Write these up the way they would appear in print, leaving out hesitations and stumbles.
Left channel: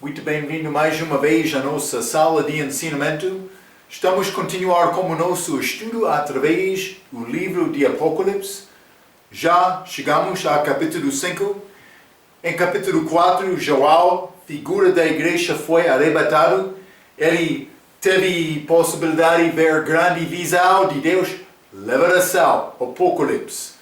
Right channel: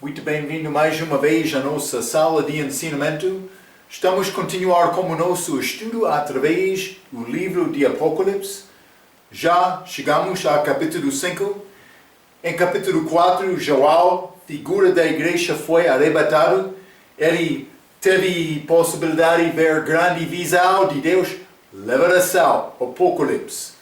Muito bem-vindo mais uma vez à nossa sala de ensinamento. Estamos a continuar com o nosso estudo através do livro de Apocalipse. Já chegamos ao capítulo 5. Em capítulo 4, João, figura da igreja, foi arrebatado. Ele teve possibilidade de ver grande visão de Deus, revelação, Apocalipse.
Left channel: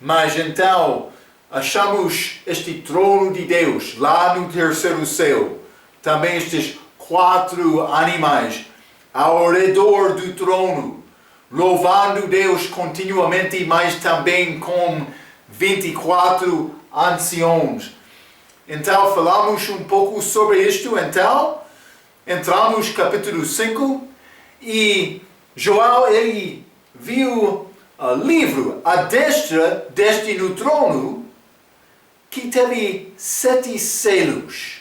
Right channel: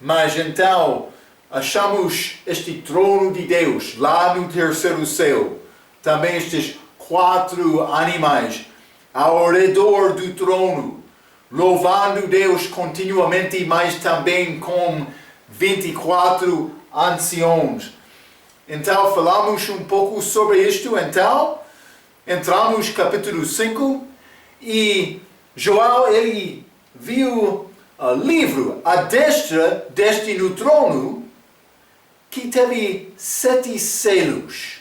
Mas então, achamos este trono de Deus lá no terceiro céu. Também estes 4 animais ao redor do trono, louvando Deus continuamente, mas também com 24 anciãos. Então, falamos um pouco sobre isto. Então, entramos no capítulo 5 e João, ele viu o livro à destra deste no trono, que teve 7 selos.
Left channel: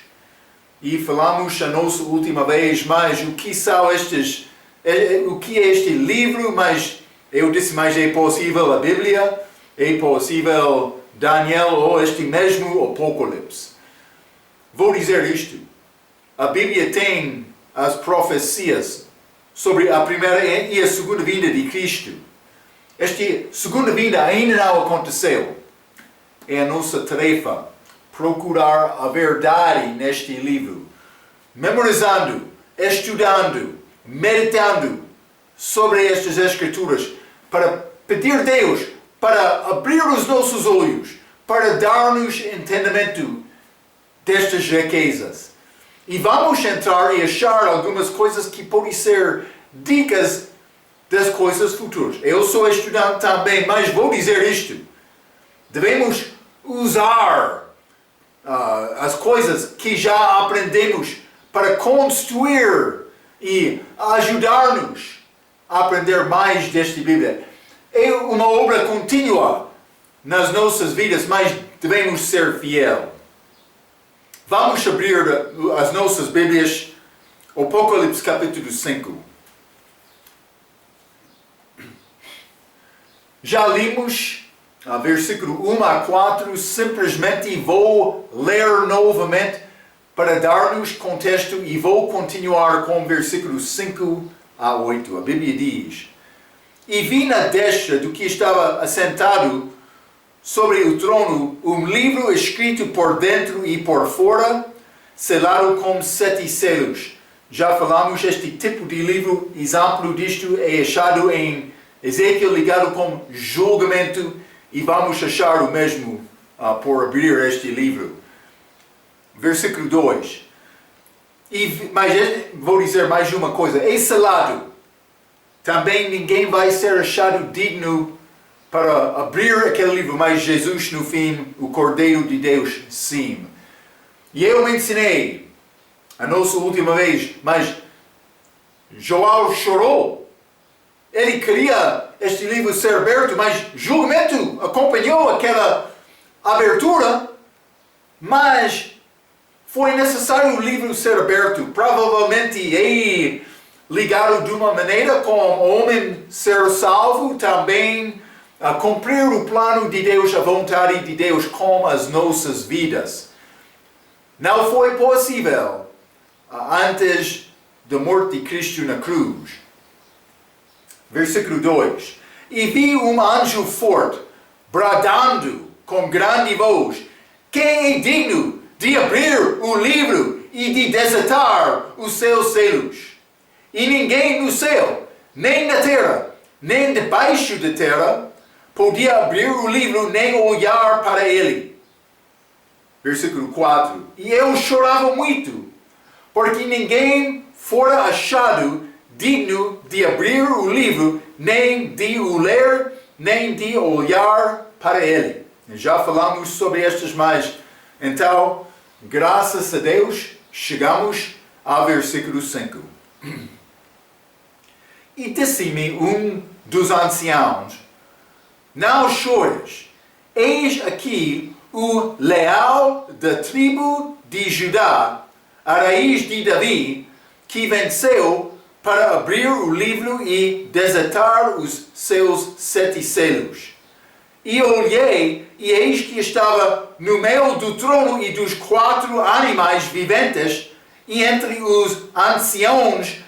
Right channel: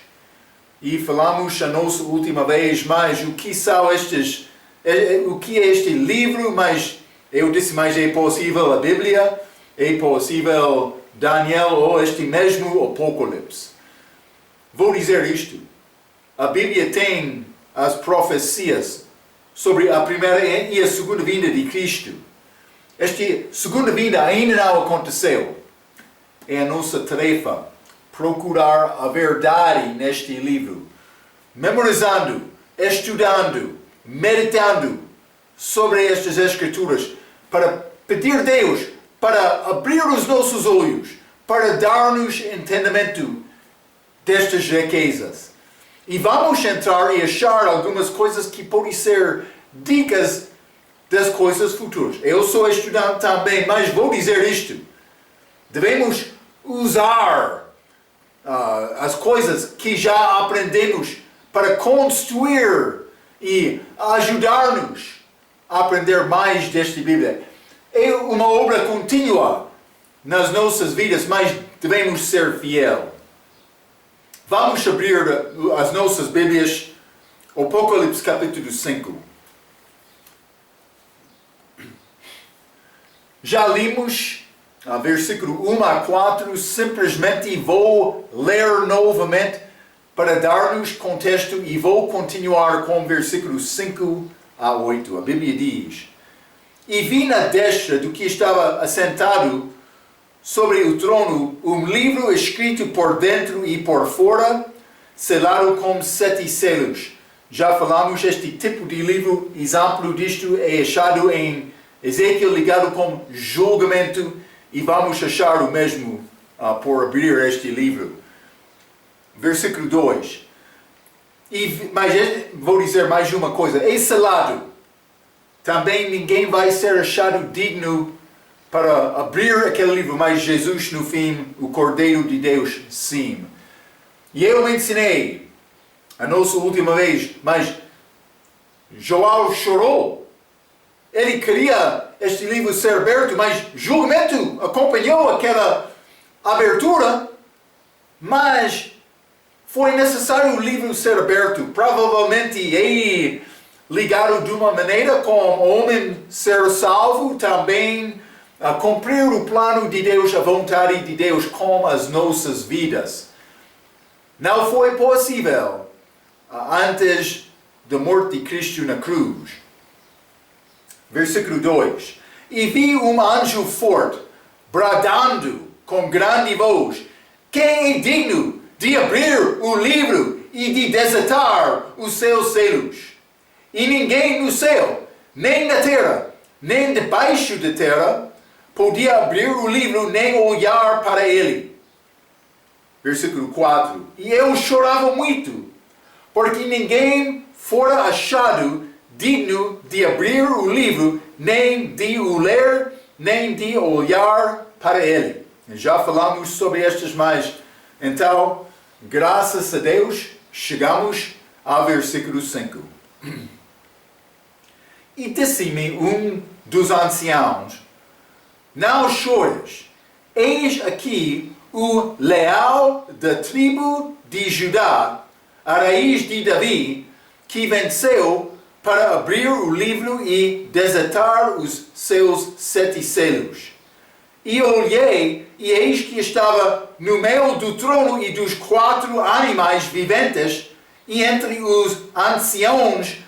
E falamos a nossa última vez mais o que são estes, o que é este livro, mas eu disse mais é possível a Bíblia, é possível Daniel ou este mesmo Apocalipse. Vou dizer isto, a Bíblia tem as profecias sobre a primeira e a segunda vinda de Cristo. Esta segunda vinda ainda não aconteceu. É a nossa tarefa procurar a verdade neste livro, memorizando, estudando, meditando sobre estas escrituras, para pedir a Deus para abrir os nossos olhos, para dar-nos entendimento destas riquezas. E vamos entrar e achar algumas coisas que podem ser dicas das coisas futuras. Eu sou estudante também, mas vou dizer isto. Devemos usar as coisas que já aprendemos para construir e ajudar-nos a aprender mais desta Bíblia. É uma obra contínua nas nossas vidas, mas devemos ser fiéis. Vamos abrir as nossas Bíblias, Apocalipse capítulo 5. Já limos versículo 1 a 4, simplesmente vou ler novamente para dar-nos contexto e vou continuar com versículos 5 a 8. A Bíblia diz: E vi na destra do que estava assentado sobre o trono um livro escrito por dentro e por fora, selado com 7 selos. Já falamos, este tipo de livro, exemplo disto é achado em Ezequiel ligado com julgamento. E vamos achar o mesmo por abrir este livro. Versículo 2. Mas vou dizer mais uma coisa. É selado. Também ninguém vai ser achado digno para abrir aquele livro. Mas Jesus, no fim, o Cordeiro de Deus, sim. E eu mencionei a nossa última vez. Mas João chorou. Ele queria este livro ser aberto, mas julgamento acompanhou aquela abertura, mas foi necessário o livro ser aberto. Provavelmente é ligado de uma maneira com o homem ser salvo, também a cumprir o plano de Deus, a vontade de Deus com as nossas vidas. Não foi possível antes da morte de Cristo na cruz. Versículo 2. E vi um anjo forte, bradando com grande voz: Quem é digno de abrir o livro e de desatar os seus selos? E ninguém no céu, nem na terra, nem debaixo da terra, podia abrir o livro, nem olhar para ele. Versículo 4. E eu chorava muito, porque ninguém fora achado digno de abrir o livro, nem de o ler, nem de olhar para ele. Já falamos sobre estas mais. Então, graças a Deus, chegamos ao versículo 5. E disse-me um dos anciãos: Não chores, eis aqui o leal da tribo de Judá, a raiz de Davi, que venceu para abrir o livro e desatar os seus 7 selos. E olhei, e eis que estava no meio do trono e dos 4 animais viventes, e entre os anciãos,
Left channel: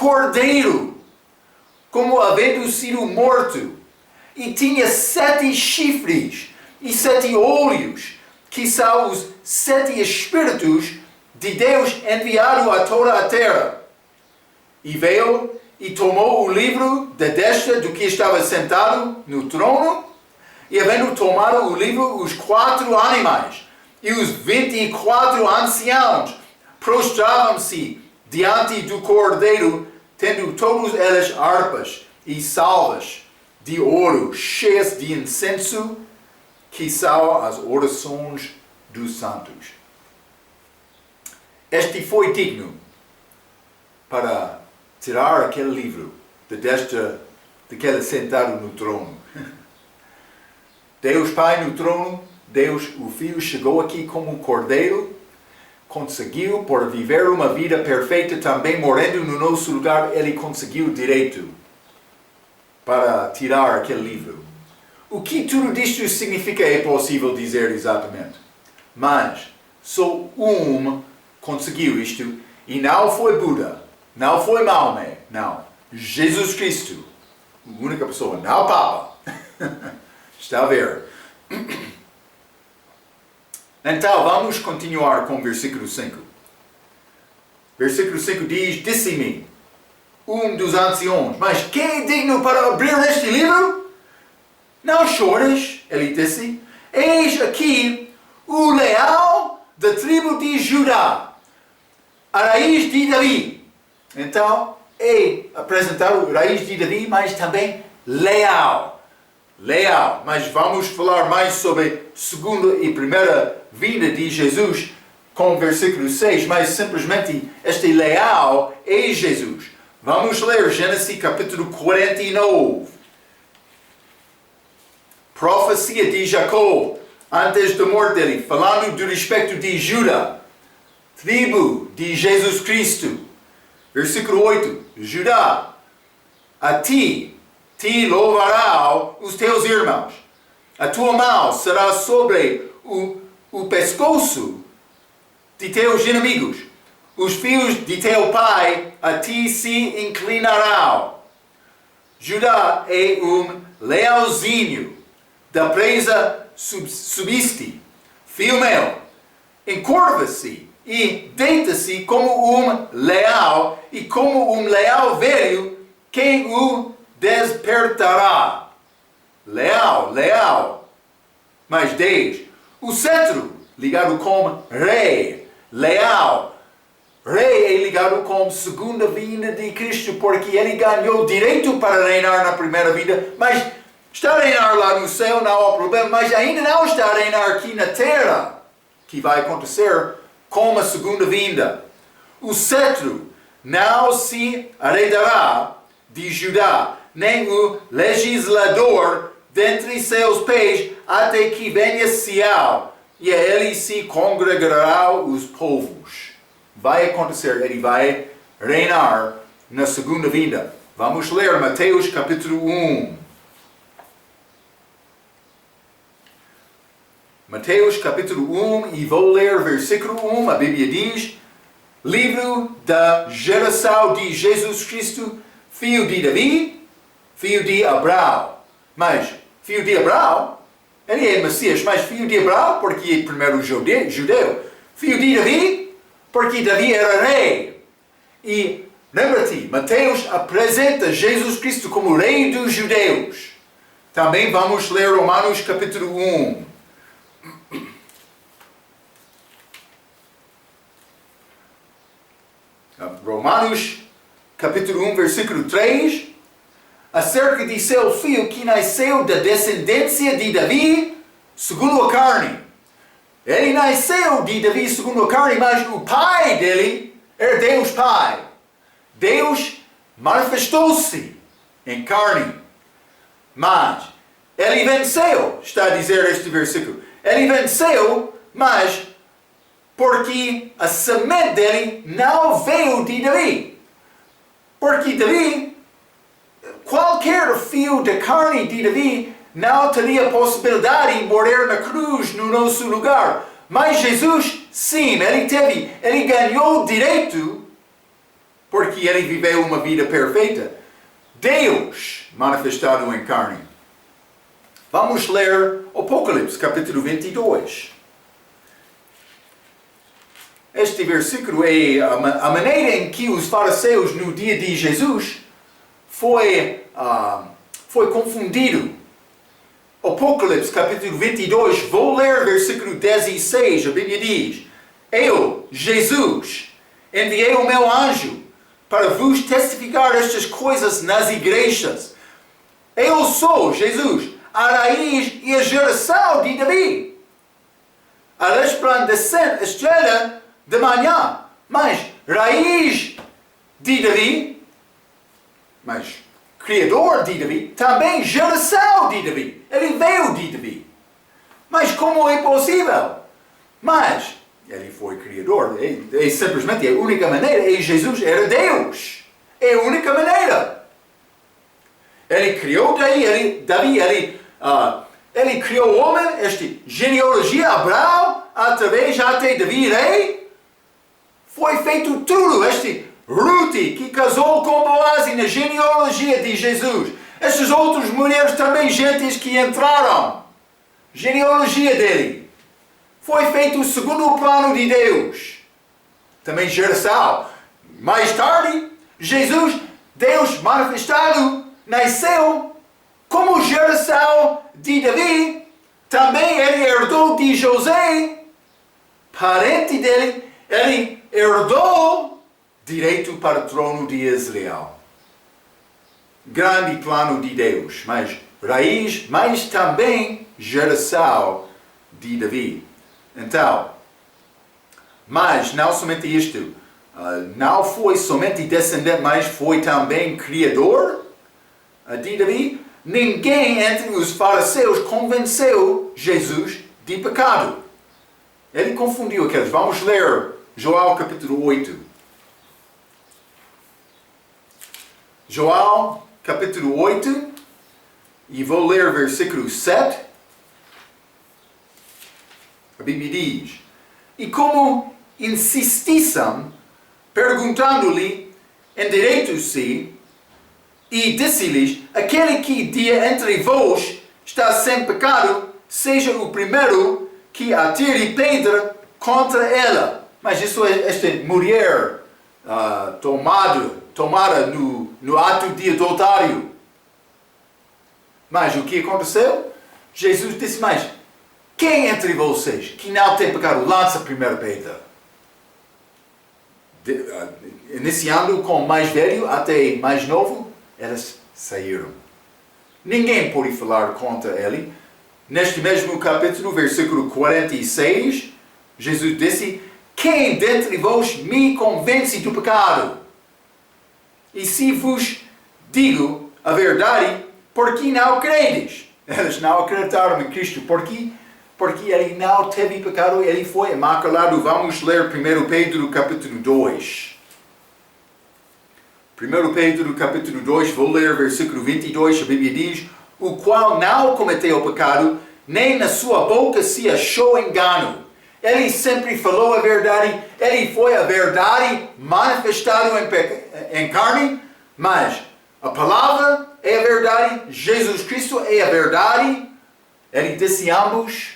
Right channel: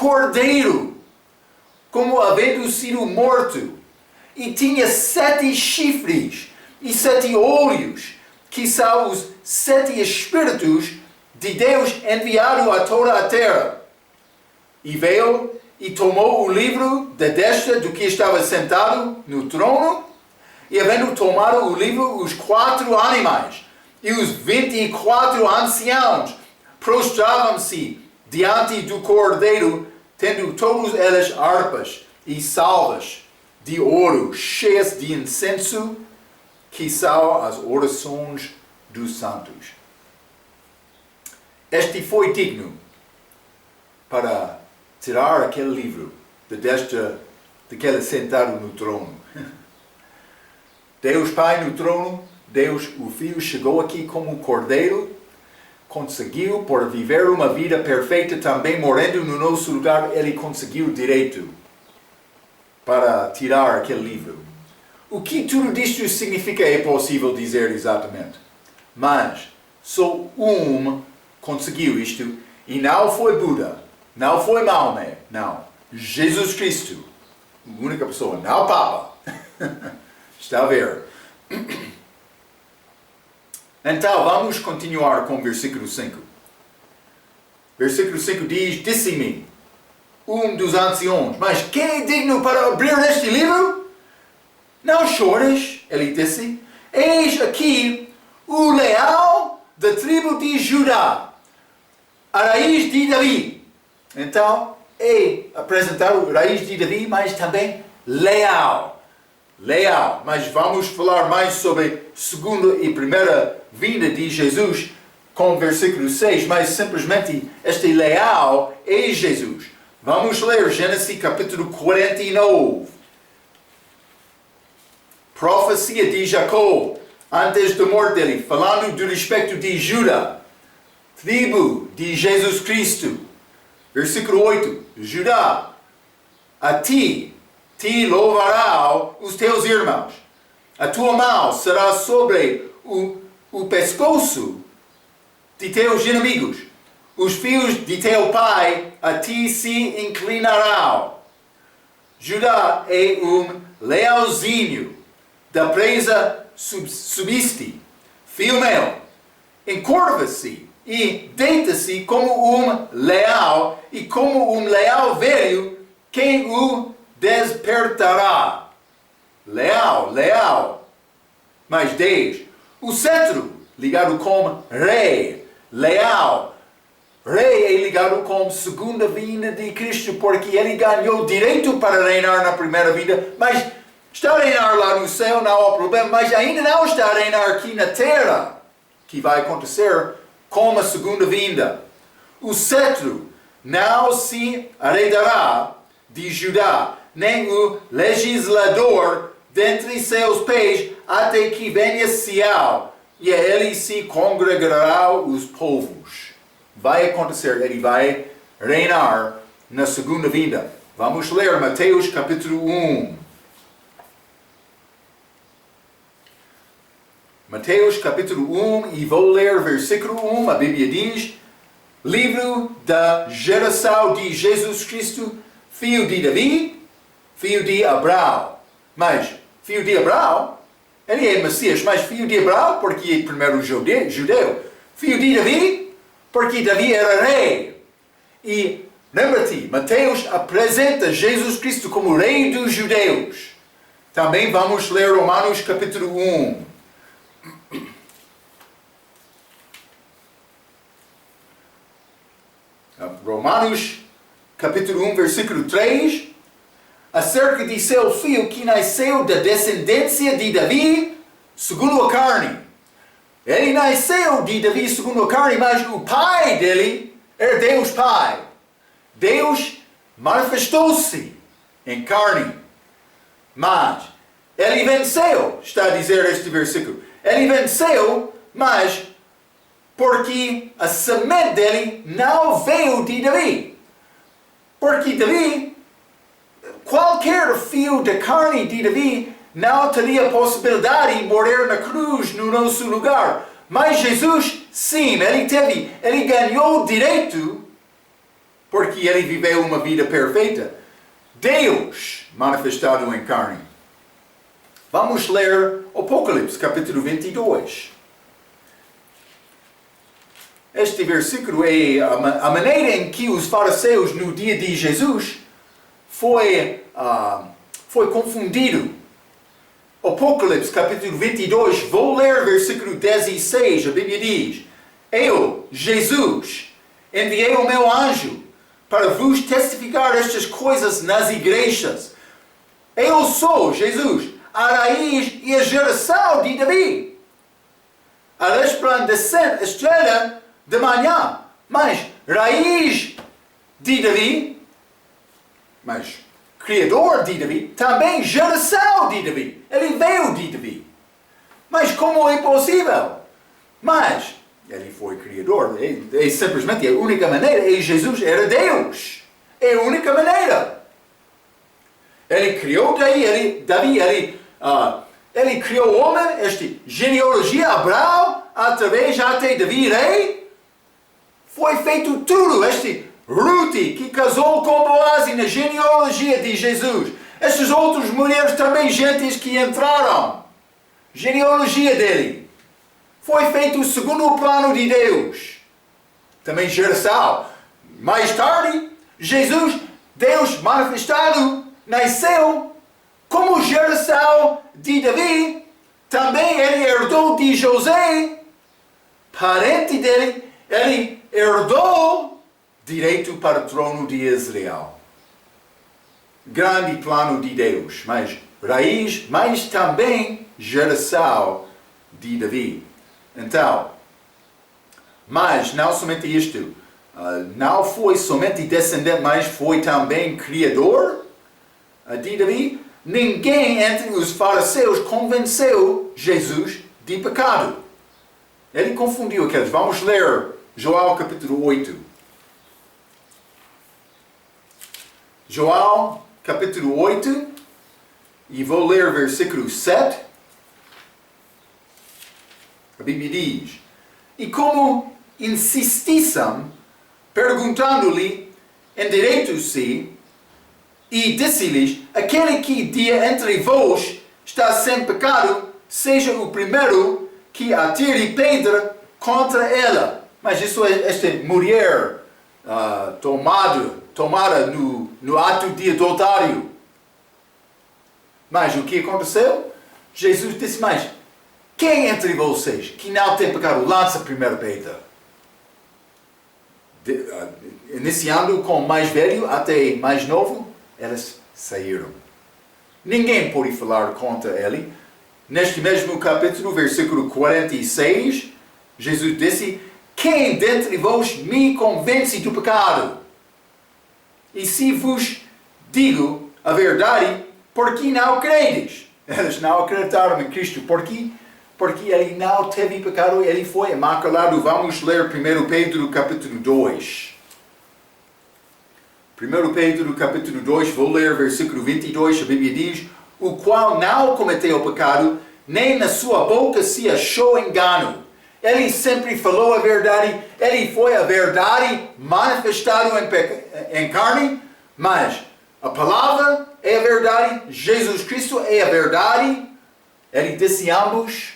cordeiro, como havendo sido morto, e tinha 7 chifres e 7 olhos, que são os 7 espíritos de Deus enviado a toda a terra. E veio e tomou o livro da destra do que estava sentado no trono, e havendo tomado o livro, os 4 animais e os 24 anciãos prostravam-se diante do cordeiro, tendo todos eles harpas e salvas de ouro, cheias de incenso, que são as orações dos santos. Este foi digno para tirar aquele livro da destra daquele sentado no trono. Deus Pai no trono, Deus o Filho chegou aqui como cordeiro, conseguiu, por viver uma vida perfeita, também morrendo no nosso lugar, ele conseguiu direito para tirar aquele livro. O que tudo isto significa é possível dizer exatamente. Mas só conseguiu isto, e não foi Buda, não foi Maomé, não. Jesus Cristo, a única pessoa, não o Papa. Está a ver? Então, vamos continuar com o versículo 5. Versículo 5 diz: Disse-me dos anciãos, mas quem é digno para abrir este livro? Não chores, ele disse, eis aqui o leão da tribo de Judá, a raiz de Davi. Então, é apresentado a raiz de Davi, mas também leal. Mas vamos falar mais sobre a segunda e primeira vinda de Jesus com o versículo 6, mas simplesmente este leal é Jesus. Vamos ler Gênesis capítulo 49. Profecia de Jacó, antes da morte dele, falando do respeito de Judá, tribo de Jesus Cristo. Versículo 8, Judá, a ti louvarão os teus irmãos. A tua mão será sobre o pescoço de teus inimigos. Os filhos de teu pai a ti se inclinarão. Judá é leãozinho da presa subiste. Filho meu, encurva-se e deita-se como leão, e como leão velho, quem o despertará. Leal. Mais 10. O cetro, ligado com rei. Leal. Rei é ligado com a segunda vinda de Cristo, porque ele ganhou direito para reinar na primeira vinda, mas está a reinar lá no céu, não há problema, mas ainda não está a reinar aqui na terra, que vai acontecer com a segunda vinda. O cetro não se herdará de Judá, nem o legislador dentre seus pés, até que venha Sião, e a ele se congregarão os povos. Vai acontecer, ele vai reinar na segunda vinda. Vamos ler Mateus capítulo 1. Mateus capítulo 1, e vou ler versículo 1, a Bíblia diz: livro da geração de Jesus Cristo, filho de Davi, filho de Abraão. Mas, filho de Abraão, ele é Messias, mas filho de Abraão, porque é primeiro judeu. Filho de Davi, porque Davi era rei. E, lembra-te, Mateus apresenta Jesus Cristo como rei dos judeus. Também vamos ler Romanos capítulo 1. Romanos capítulo 1, versículo 3, acerca de seu filho que nasceu da descendência de Davi segundo a carne. Ele nasceu de Davi segundo a carne, mas o pai dele era Deus Pai. Deus manifestou-se em carne. Mas ele venceu, está a dizer este versículo. Ele venceu, mas porque a semente dele não veio de Davi. Porque Davi, qualquer filho da carne de Davi, não teria possibilidade de morrer na cruz no nosso lugar. Mas Jesus, sim, ele ganhou direito porque ele viveu uma vida perfeita. Deus manifestado em carne. Vamos ler Apocalipse, capítulo 22. Este versículo é a maneira em que os fariseus no dia de Jesus foi confundido. Apocalipse, capítulo 22, vou ler versículo 16, a Bíblia diz: Eu, Jesus, enviei o meu anjo para vos testificar estas coisas nas igrejas. Eu sou, Jesus, a raiz e a geração de Davi, a resplandecente estrela de manhã. Mas raiz de Davi, mas criador de Davi, também geração de Davi. Ele veio de Davi. Mas como é possível? Mas ele foi criador. É simplesmente a única maneira. E Jesus era Deus. É a única maneira. Ele criou Davi. Ele criou o homem, esta genealogia, Abraão, através até Davi, rei. Foi feito tudo. Ruth, que casou com Boaz na genealogia de Jesus. Estas outras mulheres também, gentes que entraram. Genealogia dele. Foi feito segundo o plano de Deus. Também geração. Mais tarde, Jesus, Deus manifestado, nasceu como geração de Davi. Também ele herdou de José, parente dele. Ele herdou direito para o trono de Israel. Grande plano de Deus, mas raiz, mas também geração de Davi. Então, mas não somente isto, não foi somente descendente, mas foi também criador de Davi. Ninguém entre os fariseus convenceu Jesus de pecado. Ele confundiu aqueles. Vamos ler João capítulo 8. João capítulo 8, e vou ler versículo 7. A Bíblia diz: E como insistissem, perguntando-lhe, endireitou-se e disse-lhes: Aquele que dia entre vós está sem pecado, seja o primeiro que atire pedra contra ela. Mas isso é esta mulher tomada no ato de adultério. Mas o que aconteceu? Jesus disse: Mas quem entre vocês que não tem pecado, lança a primeira pedra. Iniciando com o mais velho até mais novo, elas saíram. Ninguém pôde falar contra ele. Neste mesmo capítulo, versículo 46, Jesus disse: Quem dentre vós me convence do pecado? E se vos digo a verdade, por que não credes? Eles não acreditaram em Cristo. Por quê? Porque ele não teve pecado, ele foi imaculado. Vamos ler 1 Pedro capítulo 2. 1 Pedro capítulo 2, vou ler versículo 22, a Bíblia diz: O qual não cometeu pecado, nem na sua boca se achou engano. Ele sempre falou a verdade, ele foi a verdade manifestado em carne, mas a palavra é a verdade, Jesus Cristo é a verdade. Ele disse ambos,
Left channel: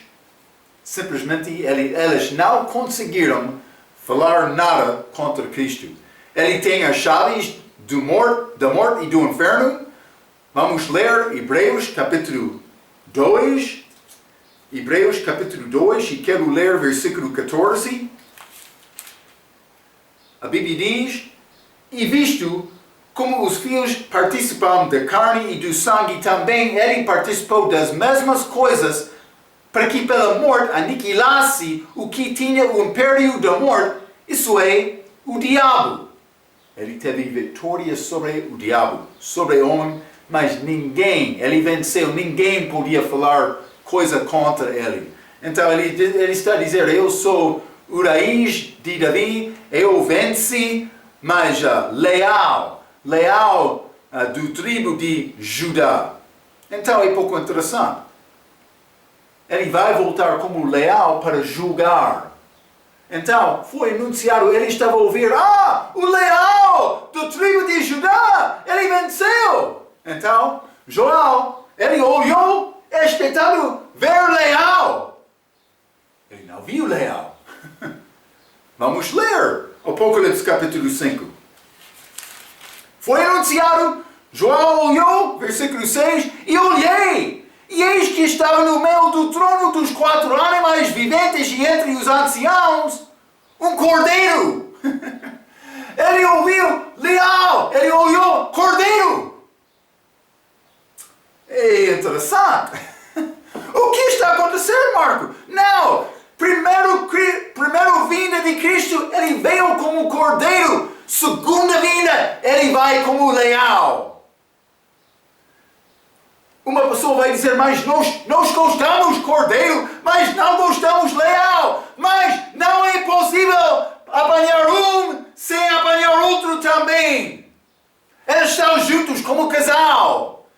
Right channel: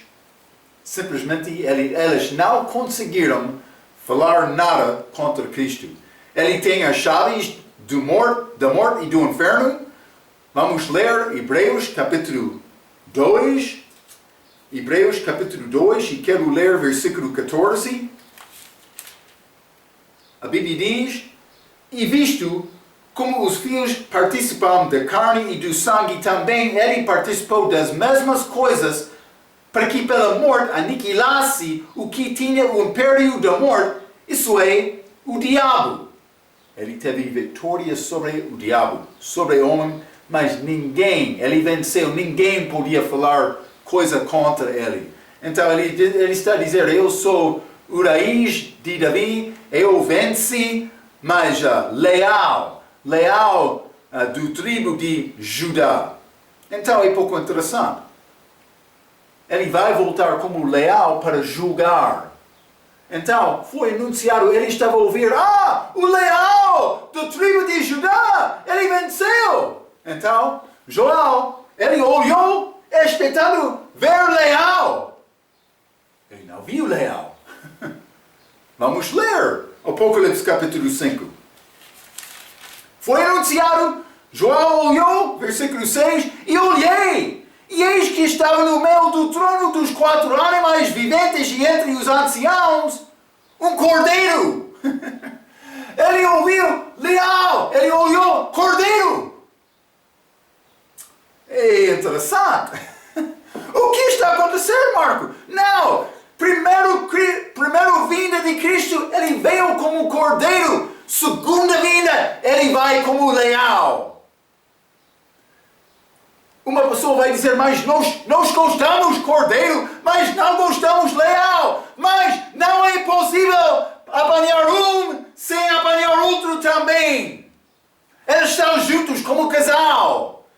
simplesmente eles não conseguiram falar nada contra Cristo. Ele tem as chaves da morte e do inferno. Vamos ler Hebreus capítulo 2. Hebreus capítulo 2, e quero ler versículo 14. A Bíblia diz: E visto como os filhos participam da carne e do sangue, também ele participou das mesmas coisas, para que pela morte aniquilasse o que tinha o império da morte, isso é, o diabo. Ele teve vitória sobre o diabo, sobre o homem, mas ele venceu, ninguém podia falar coisa contra ele. Então ele está a dizer: eu sou o raiz de Davi, eu venci, mas leal do tribo de Judá. Então é pouco interessante. Ele vai voltar como leal para julgar. Então, foi anunciado, ele estava a ouvir, o leal do tribo de Judá, ele venceu. Então, João, ele olhou, expectando ver leal. Ele não viu leal. Vamos ler Apocalipse capítulo 5. Foi anunciado, João olhou, versículo 6, e olhei. E eis que estava no meio do trono dos 4 animais viventes e entre os anciãos, um cordeiro. Ele ouviu leal, ele olhou cordeiro. É interessante. O que está acontecendo, Marco? Não, primeiro vinda de Cristo, ele veio como cordeiro. Segunda vinda, ele vai como leal. Uma pessoa vai dizer, mas nós gostamos cordeiro, mas não gostamos leal. Mas não é possível apanhar um sem apanhar outro também. Eles estão juntos como casal.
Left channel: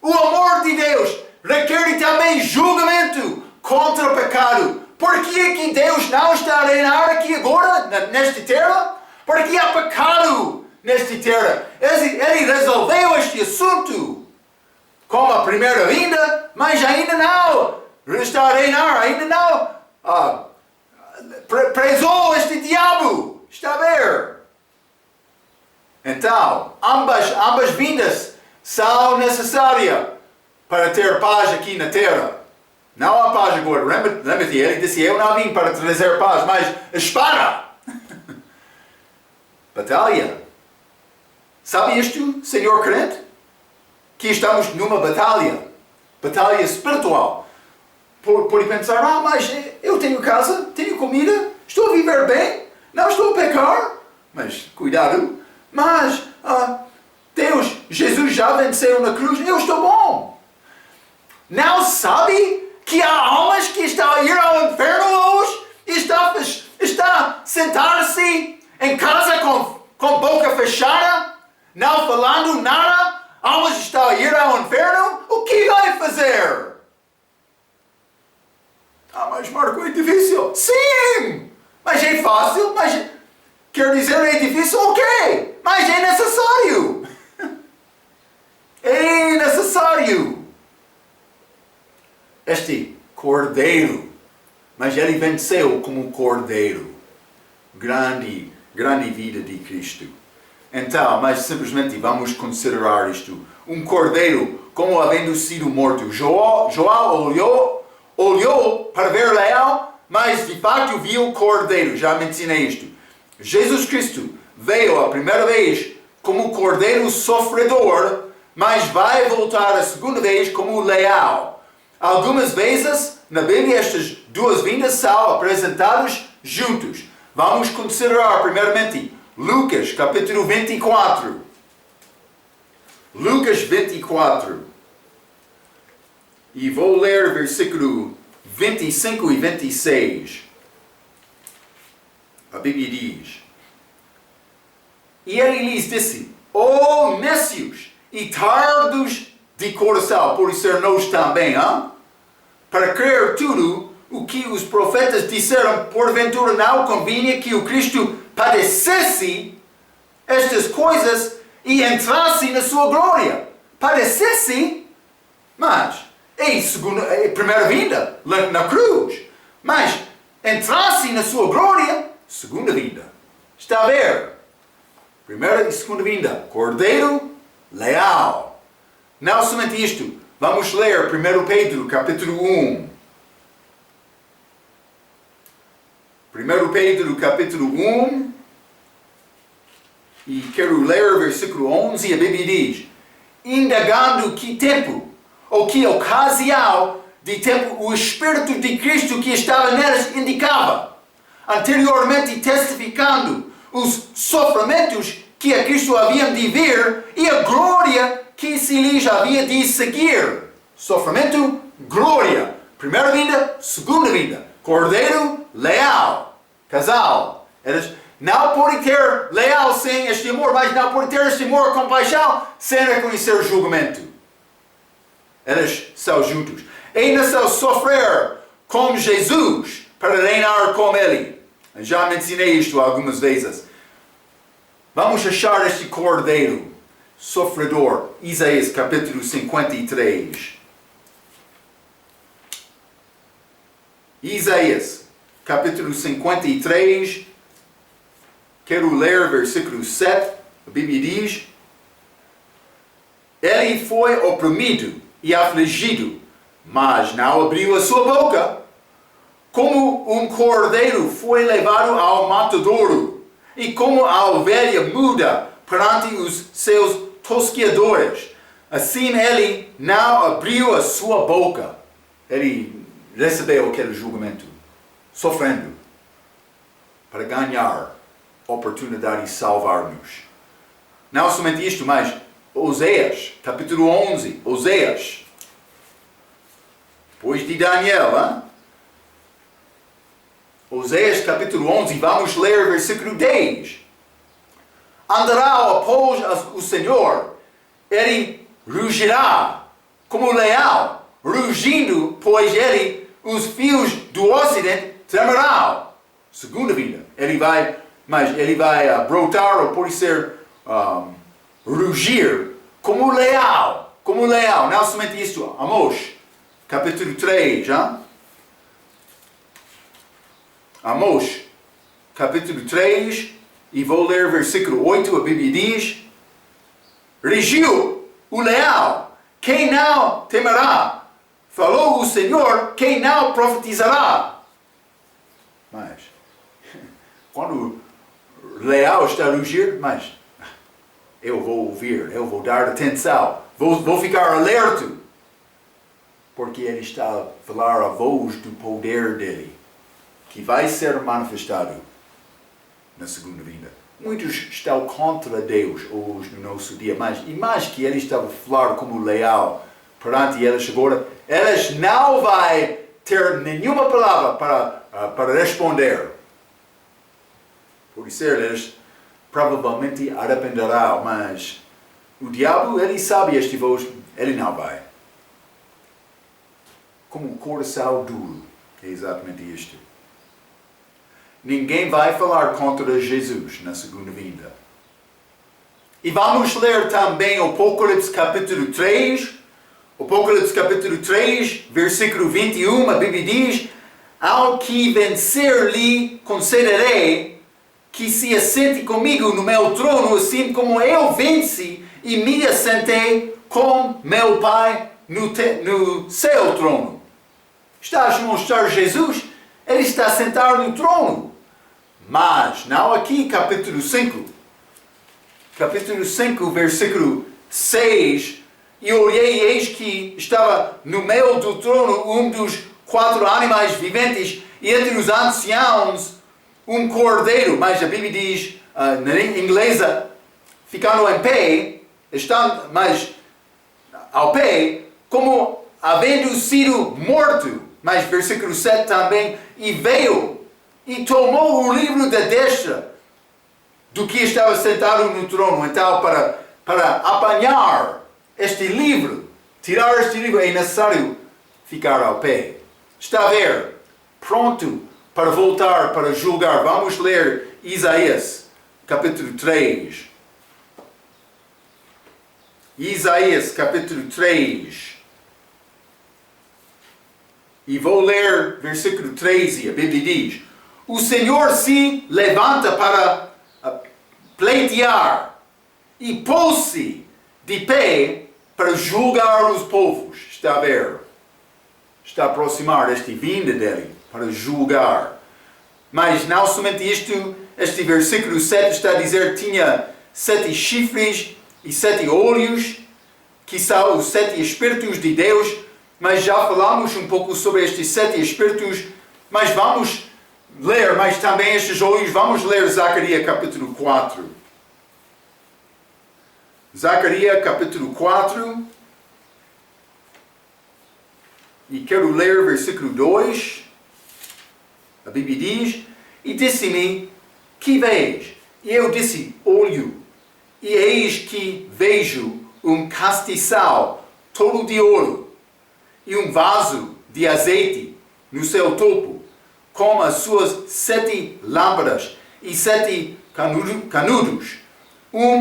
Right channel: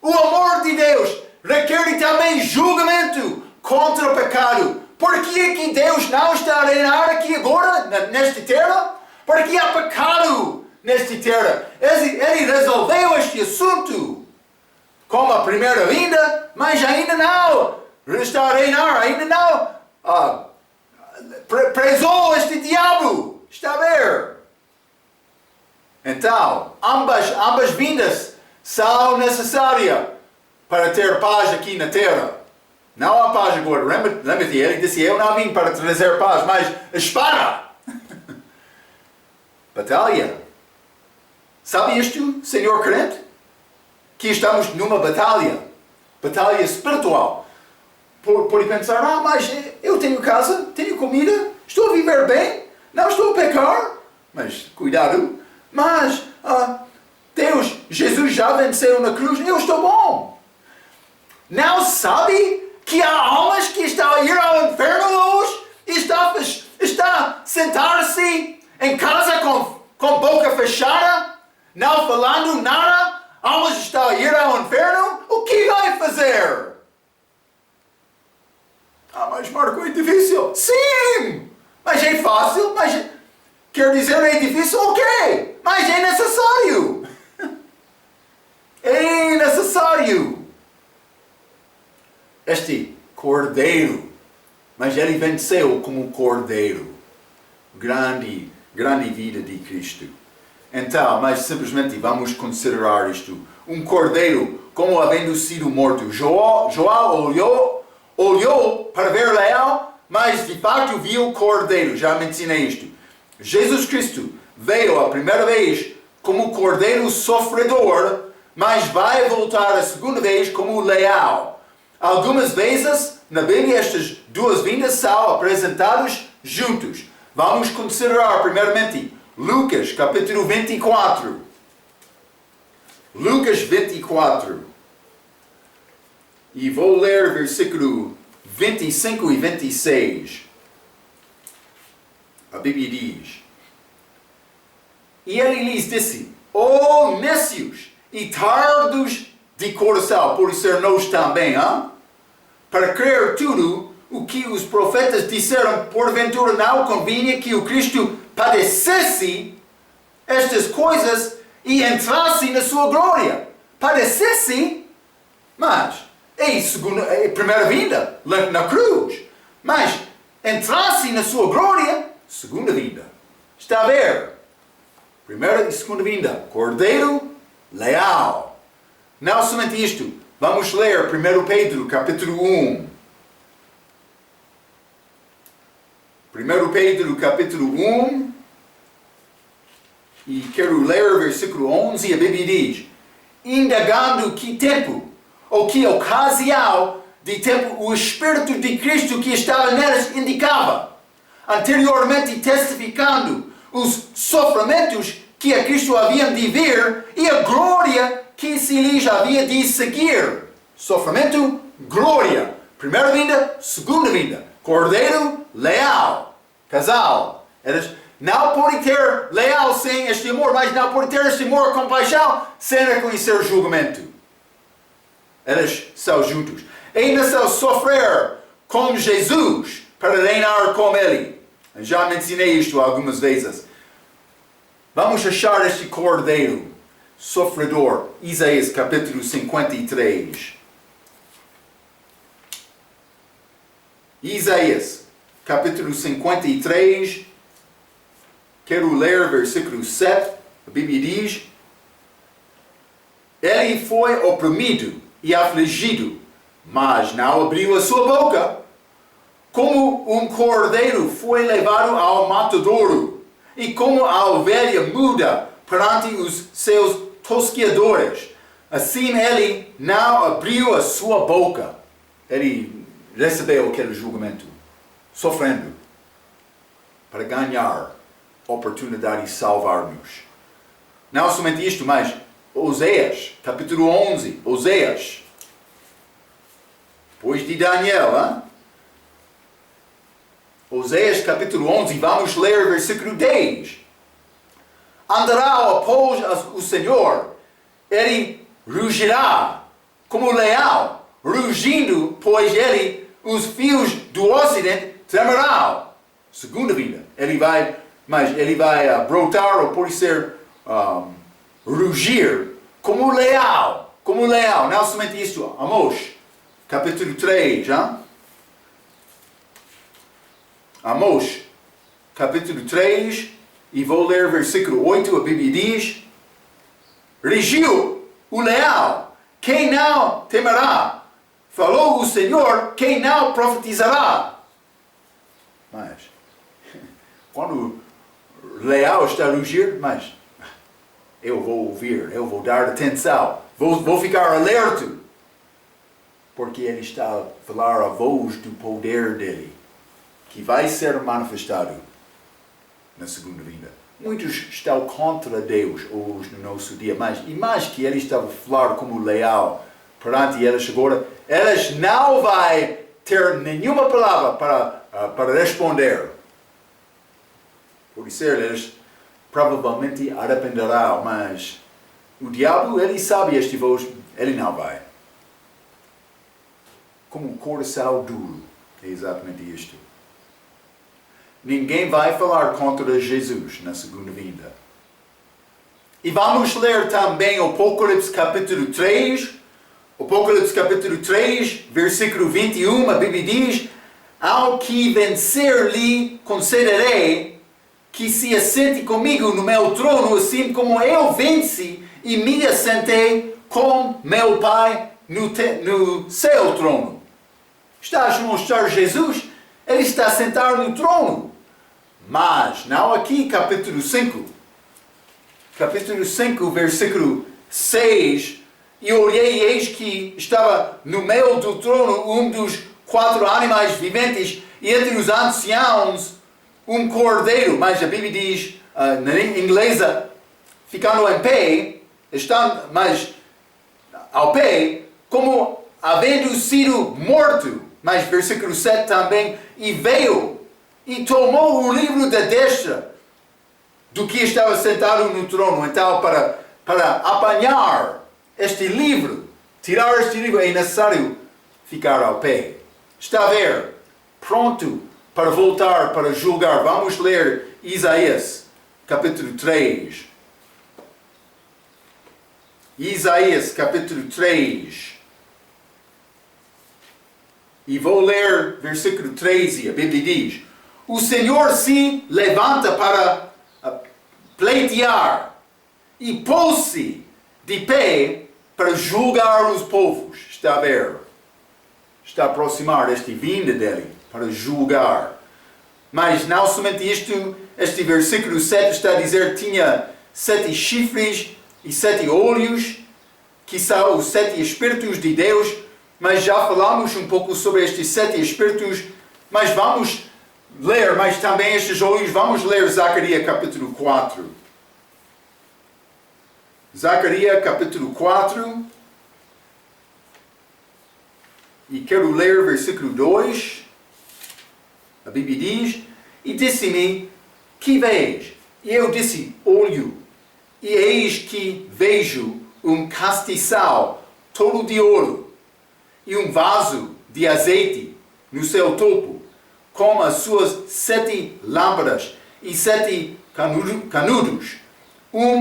O amor de Deus requer também julgamento contra o pecado. Por que é que Deus não está a reinar aqui agora, nesta terra? Porque há pecado nesta terra. Ele resolveu este assunto. Como a primeira vinda, mas ainda não está a reinar, ainda não presou este diabo. Está a ver? Então, ambas vindas são necessárias para ter paz aqui na terra. Não há paz agora. Lembra-te, ele disse, eu não vim para trazer paz, mas espada. Batalha. Sabe isto, Senhor crente? Que estamos numa batalha espiritual. Pode pensar, mas eu tenho casa, tenho comida, estou a viver bem, não estou a pecar, mas cuidado, mas Deus, Jesus já venceu na cruz, eu estou bom. Não sabe que há almas que estão a ir ao inferno hoje, está a sentar-se em casa com boca fechada, não falando nada, almas estão a ir ao inferno, o que vai fazer? Mas Marco, é difícil. Sim! Mas é fácil, mas quer dizer é difícil, ok. Mas é necessário. É necessário. Este cordeiro, mas ele venceu como cordeiro. Grande vida de Cristo. Então, mas simplesmente vamos considerar isto. Um cordeiro, como havendo sido morto. João olhou para ver leal, mas de fato viu o cordeiro. Já mencionei isto. Jesus Cristo veio a primeira vez como cordeiro sofredor, mas vai voltar a segunda vez como leal. Algumas vezes na Bíblia estas duas vindas são apresentadas juntos. Vamos considerar primeiramente Lucas capítulo 24. Lucas 24. E vou ler versículo 25 e 26. A Bíblia diz: E ele lhes disse, nécios e tardos de coração, por ser nós também, para crer tudo o que os profetas disseram, porventura não convinha que o Cristo padecesse estas coisas e entrasse na sua glória. Padecesse, mas é primeira vinda na cruz, mas entrasse na sua glória, segunda vinda. Está a ver? Primeira e segunda vinda. Cordeiro leal. Não somente isto. Vamos ler 1 Pedro capítulo 1. 1 Pedro capítulo 1. E quero ler o versículo 11. A Bíblia diz: indagando que tempo, ou que ocasião de tempo o Espírito de Cristo que estava neles indicava, anteriormente testificando os sofrimentos que a Cristo haviam de vir e a glória que se lhes havia de seguir. Sofrimento, glória. Primeira vinda, segunda vinda. Cordeiro, leal. Casal. Eles não podem ter leal sem este amor, mas não podem ter este amor, compaixão, sem reconhecer o julgamento. Eles são juntos. Ainda são sofrer com Jesus para reinar com Ele. Já mencionei isto algumas vezes. Vamos achar este cordeiro sofredor. Isaías capítulo 53. Isaías capítulo 53. Quero ler versículo 7. A Bíblia diz: Ele foi oprimido e afligido, mas não abriu a sua boca. Como um cordeiro foi levado ao matadouro, e como a ovelha muda perante os seus tosquiadores, assim ele não abriu a sua boca. Ele recebeu aquele julgamento, sofrendo, para ganhar oportunidade de salvar-nos. Não somente isto, mas Oséias, capítulo 11, Oséias, depois de Daniel, hein? Oséias capítulo 11, vamos ler versículo 10. Andará após o Senhor, ele rugirá como leão, rugindo, pois ele, os fios do ocidente, tremerão. Segunda vinda, ele vai brotar, ou pode ser rugir, como leão, não somente isso. Amós, capítulo 3, hein? Amós, capítulo 3, e vou ler versículo 8, a Bíblia diz: Rugiu o leão, quem não temerá? Falou o Senhor, quem não profetizará? Mas, quando o leão está a rugir, mas eu vou ouvir, eu vou dar atenção, vou ficar alerta, porque ele está a falar a voz do poder dele, que vai ser manifestado na segunda vinda. Muitos estão contra Deus hoje no nosso dia, mas e mais que ele estava a falar como leão perante eles agora, eles não vão ter nenhuma palavra para responder. Por isso eles provavelmente arrependerão, mas o diabo, ele sabe este voz, ele não vai. Como um coração duro, é exatamente isto. Ninguém vai falar contra Jesus na segunda vinda. E vamos ler também Apocalipse capítulo 3. Apocalipse capítulo 3, versículo 21, a Bíblia diz: Ao que vencer lhe concederei que se assente comigo no meu trono, assim como eu venci e me assentei com meu Pai no seu trono. Estás a mostrar Jesus? Ele está sentado no trono. Mas, não aqui, capítulo 5. Capítulo 5, versículo 6. E olhei, e eis que estava no meio do trono um dos 4 animais viventes, e entre os anciãos um cordeiro. Mas a Bíblia diz, na inglesa, ficando em pé, estando mais ao pé, como havendo sido morto. Mas versículo 7 também, e veio e tomou o livro da destra do que estava sentado no trono. Então, para apanhar este livro, tirar este livro, é necessário ficar ao pé. Está a ver? Pronto para voltar, para julgar. Vamos ler Isaías, capítulo 3. Isaías, capítulo 3. E vou ler versículo 13. A Bíblia diz: O Senhor se levanta para pleitear e pôs-se de pé para julgar os povos. Está a ver? Está a aproximar esta vinda dele para julgar. Mas não somente isto, este versículo 7 está a dizer que tinha 7 chifres e 7 olhos, que são os 7 Espíritos de Deus. Mas já falamos um pouco sobre estes 7 Espíritos, mas vamos ler mais também estes olhos. Vamos ler Zacarias capítulo 4. Zacarias capítulo 4. E quero ler versículo 2. A Bíblia diz: E disse-me, que vês? E eu disse, olho. E eis que vejo um castiçal todo de ouro, e vaso de azeite no seu topo, com as suas 7 lâmpadas e 7 canudos,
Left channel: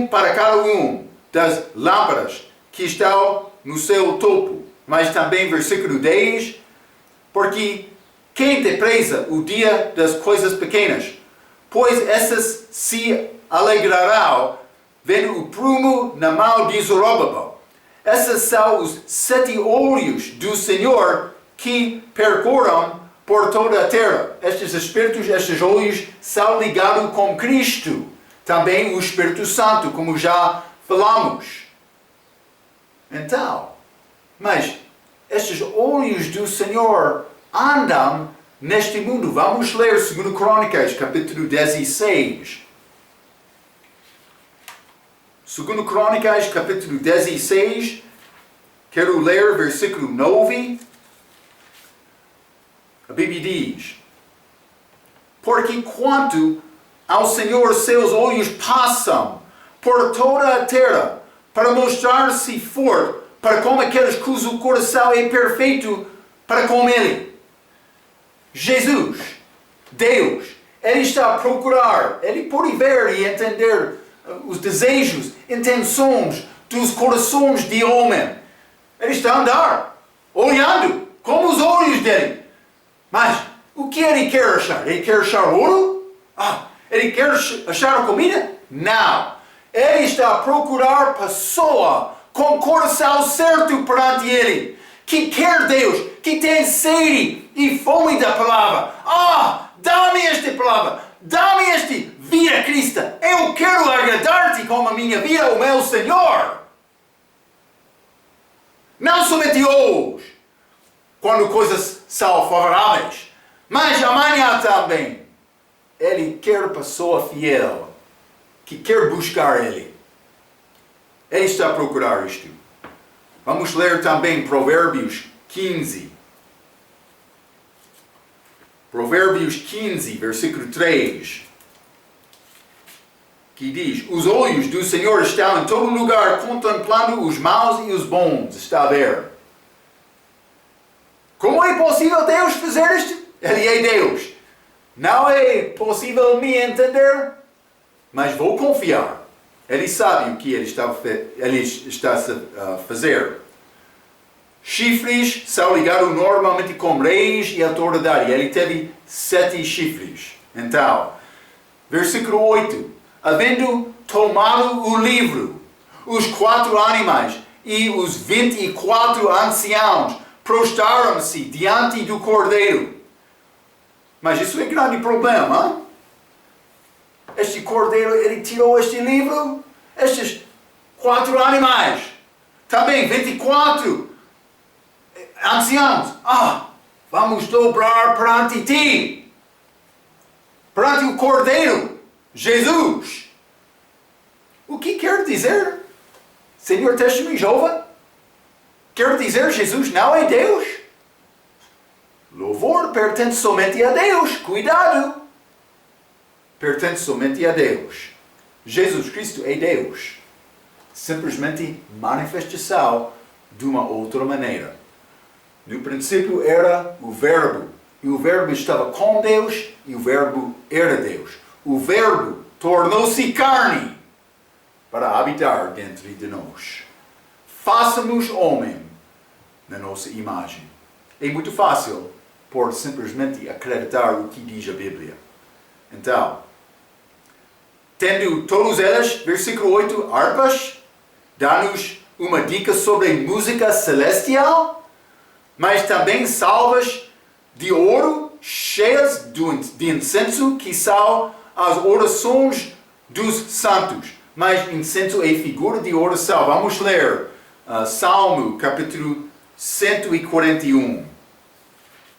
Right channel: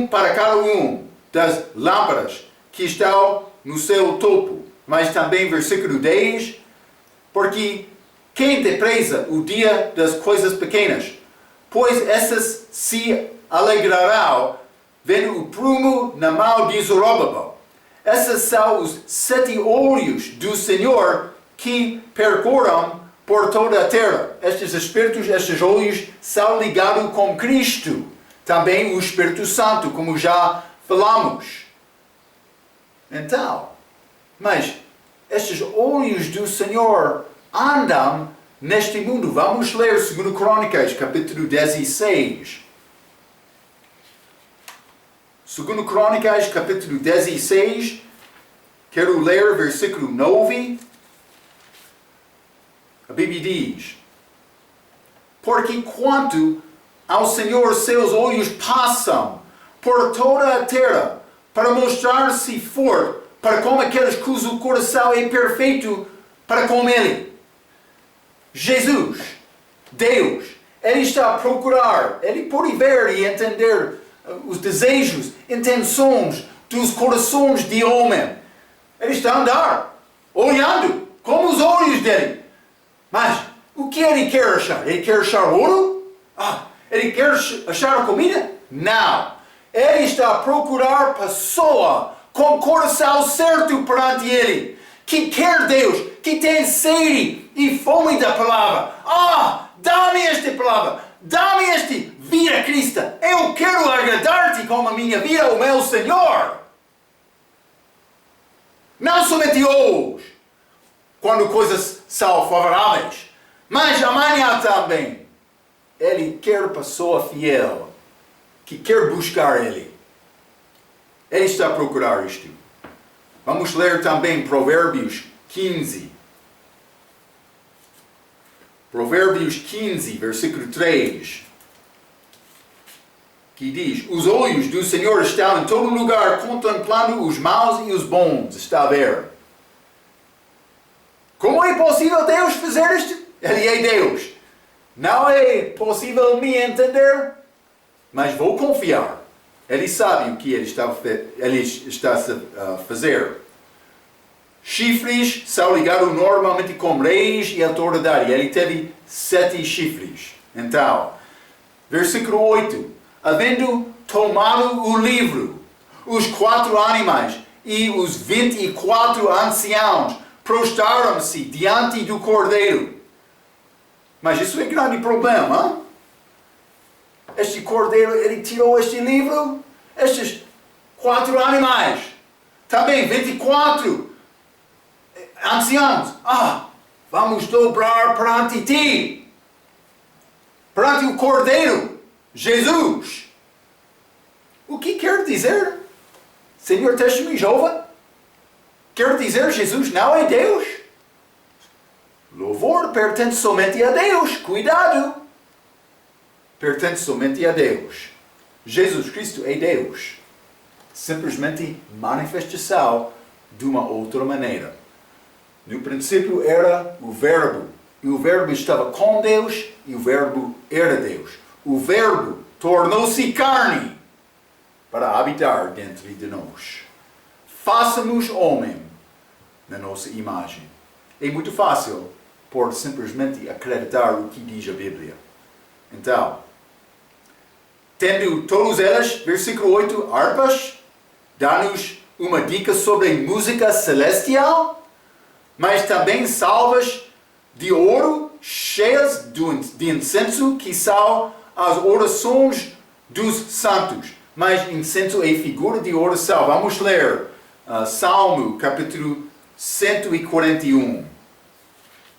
para cada das lâmpadas que estão no seu topo. Mas também versículo 10, porque quem despreza o dia das coisas pequenas, pois essas se alegrarão vendo o prumo na mão de Zorobabel. Esses são os 7 olhos do Senhor que percorram por toda a terra. Estes espíritos, estes olhos, são ligados com Cristo. Também o Espírito Santo, como já falamos. Então, mas estes olhos do Senhor andam neste mundo. Vamos ler 2 Crônicas, capítulo 16. 2 Crônicas, capítulo 16. Quero ler versículo 9. A Bíblia diz: porque quanto ao Senhor seus olhos passam por toda a terra para mostrar-se forte para com aqueles cujo coração é perfeito para com Ele. Jesus, Deus, Ele está a procurar, Ele pode ver e entender os desejos, intenções dos corações de homem. Ele está a andar, olhando com os olhos dele. Mas o que ele quer achar? Ele quer achar ouro? Ele quer achar comida? Não. Ele está a procurar pessoa com o coração certo perante ele, que quer Deus, que tem sede e fome da palavra. Dá-me esta palavra, dá-me esta vida cristã. Eu quero agradar-te com a minha vida, o meu Senhor. Não somente hoje, quando coisas são favoráveis, mas amanhã também. Ele quer pessoa fiel, que quer buscar Ele. Ele está a procurar isto. Vamos ler também Provérbios 15. Provérbios 15, versículo 3. Que diz: os olhos do Senhor estão em todo lugar, contemplando os maus e os bons. Está a ver? Como é possível Deus fazer isto? Ele é Deus. Não é possível me entender, mas vou confiar. Ele sabe o que ele está a fazer. Chifres são ligados normalmente com reis e autoridade. Ele teve 7 chifres. Então, versículo 8. Havendo tomado o livro, os 4 animais e os 24 anciãos prostraram-se diante do cordeiro. Mas isso é grande problema. Este cordeiro, ele tirou este livro, estes 4 animais, também 24 anciãos. Vamos dobrar perante ti, perante o cordeiro, Jesus. O que quer dizer? Senhor Testemunho Jeová? Quer dizer Jesus não é Deus? Louvor pertence somente a Deus. Cuidado! Pertence somente a Deus. Jesus Cristo é Deus. Simplesmente manifestação de uma outra maneira. No princípio era o Verbo. E o Verbo estava com Deus e o Verbo era Deus. O Verbo tornou-se carne para habitar dentro de nós. Faça-nos homem na nossa imagem. É muito fácil por simplesmente acreditar o que diz a Bíblia. Então, tendo todos elas, versículo 8, harpas, dá-nos uma dica sobre música celestial, mas também salvas de ouro cheias de incenso, que são as orações dos santos. Mas incenso é figura de oração. Vamos ler Salmo, capítulo 141.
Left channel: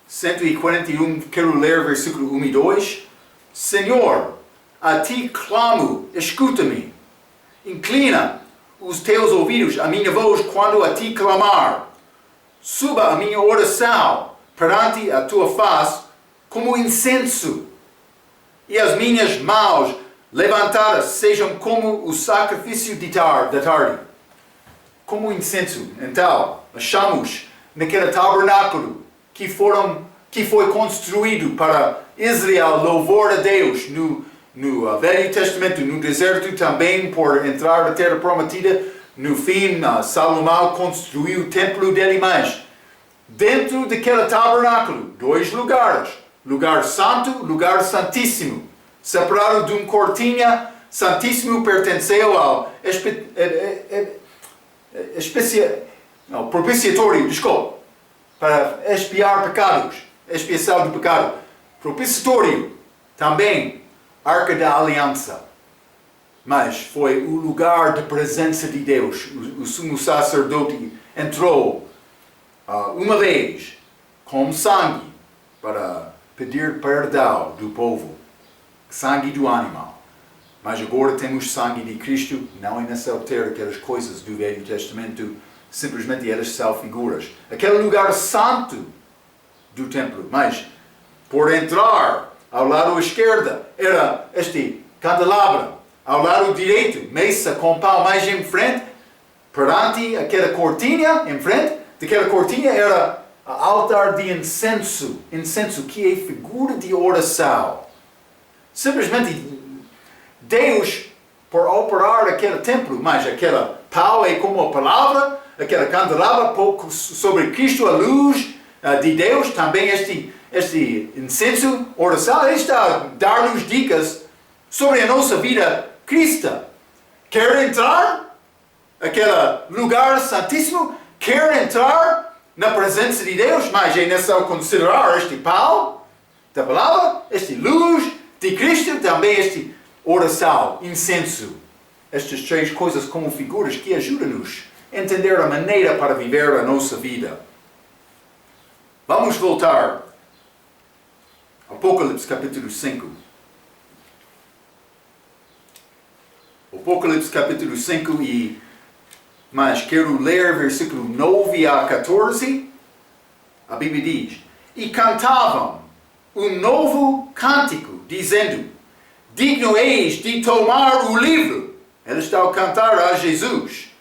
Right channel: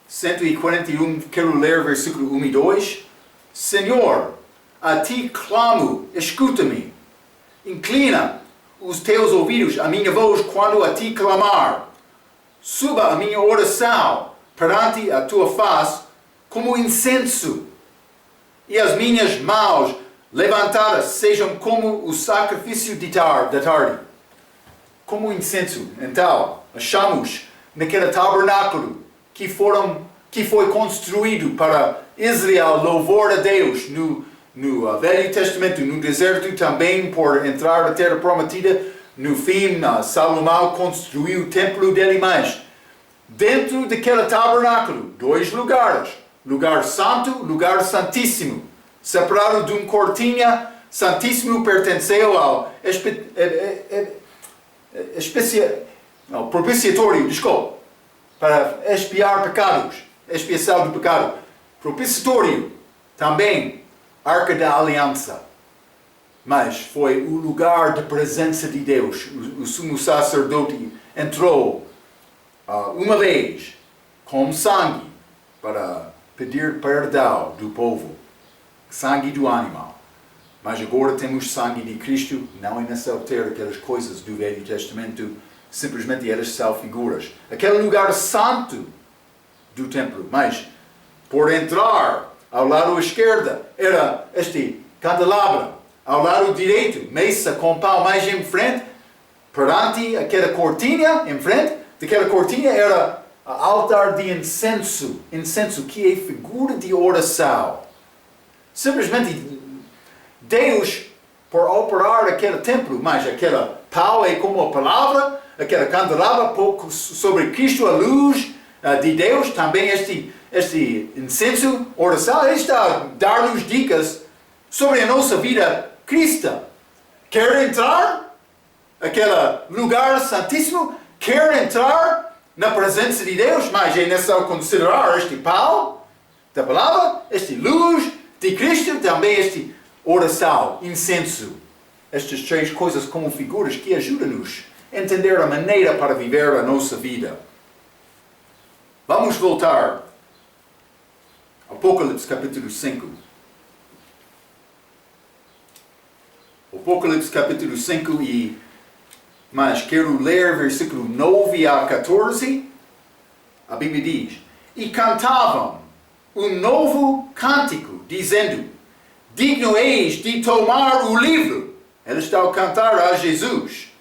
141, quero ler versículo 1 e 2. Senhor, a ti clamo, escuta-me. Inclina os teus ouvidos à minha voz quando a ti clamar. Suba a minha oração perante a tua face como incenso. E as minhas mãos levantadas sejam como o sacrifício da tarde. Como incenso. Então, achamos naquele tabernáculo que foi construído para Israel, louvor a Deus no Velho Testamento, no deserto também, por entrar na Terra Prometida. No fim, Salomão construiu o templo dele, mas dentro daquele tabernáculo, 2 lugares. Lugar santo, lugar santíssimo. Separado de uma cortina, santíssimo pertenceu ao propiciatório, desculpa, para expiar pecados, expiação do pecado. Propiciatório, também, Arca da Aliança. Mas foi o lugar de presença de Deus. O sumo sacerdote entrou uma vez com sangue para pedir perdão do povo. Sangue do animal. Mas agora temos sangue de Cristo, não é nessa altura aquelas coisas do Velho Testamento, simplesmente elas são figuras. Aquele lugar santo do templo, mas por entrar ao lado esquerdo era este candelabro, ao lado direito, mesa com pão mais em frente, perante aquela cortina, em frente daquela cortina era o altar de incenso, que é figura de oração. Simplesmente Deus, por operar aquele templo, mas aquele pau é como a palavra, aquele candelabro sobre Cristo, a luz de Deus, também este incenso, oração, ele está a dar-nos dicas sobre a nossa vida cristã. Quer entrar naquele lugar santíssimo? Quer entrar na presença de Deus? Mas é necessário considerar este pau da palavra, este luz de Cristo, também este oração, incenso. Estas 3 coisas como figuras que ajudam-nos a entender a maneira para viver a nossa vida. Vamos voltar ao Apocalipse capítulo 5. Apocalipse capítulo 5 mas quero ler versículo 9 a 14. A Bíblia diz: E cantavam um novo cântico, dizendo: Digno és de tomar o livro. Eles estão a cantar a Jesus.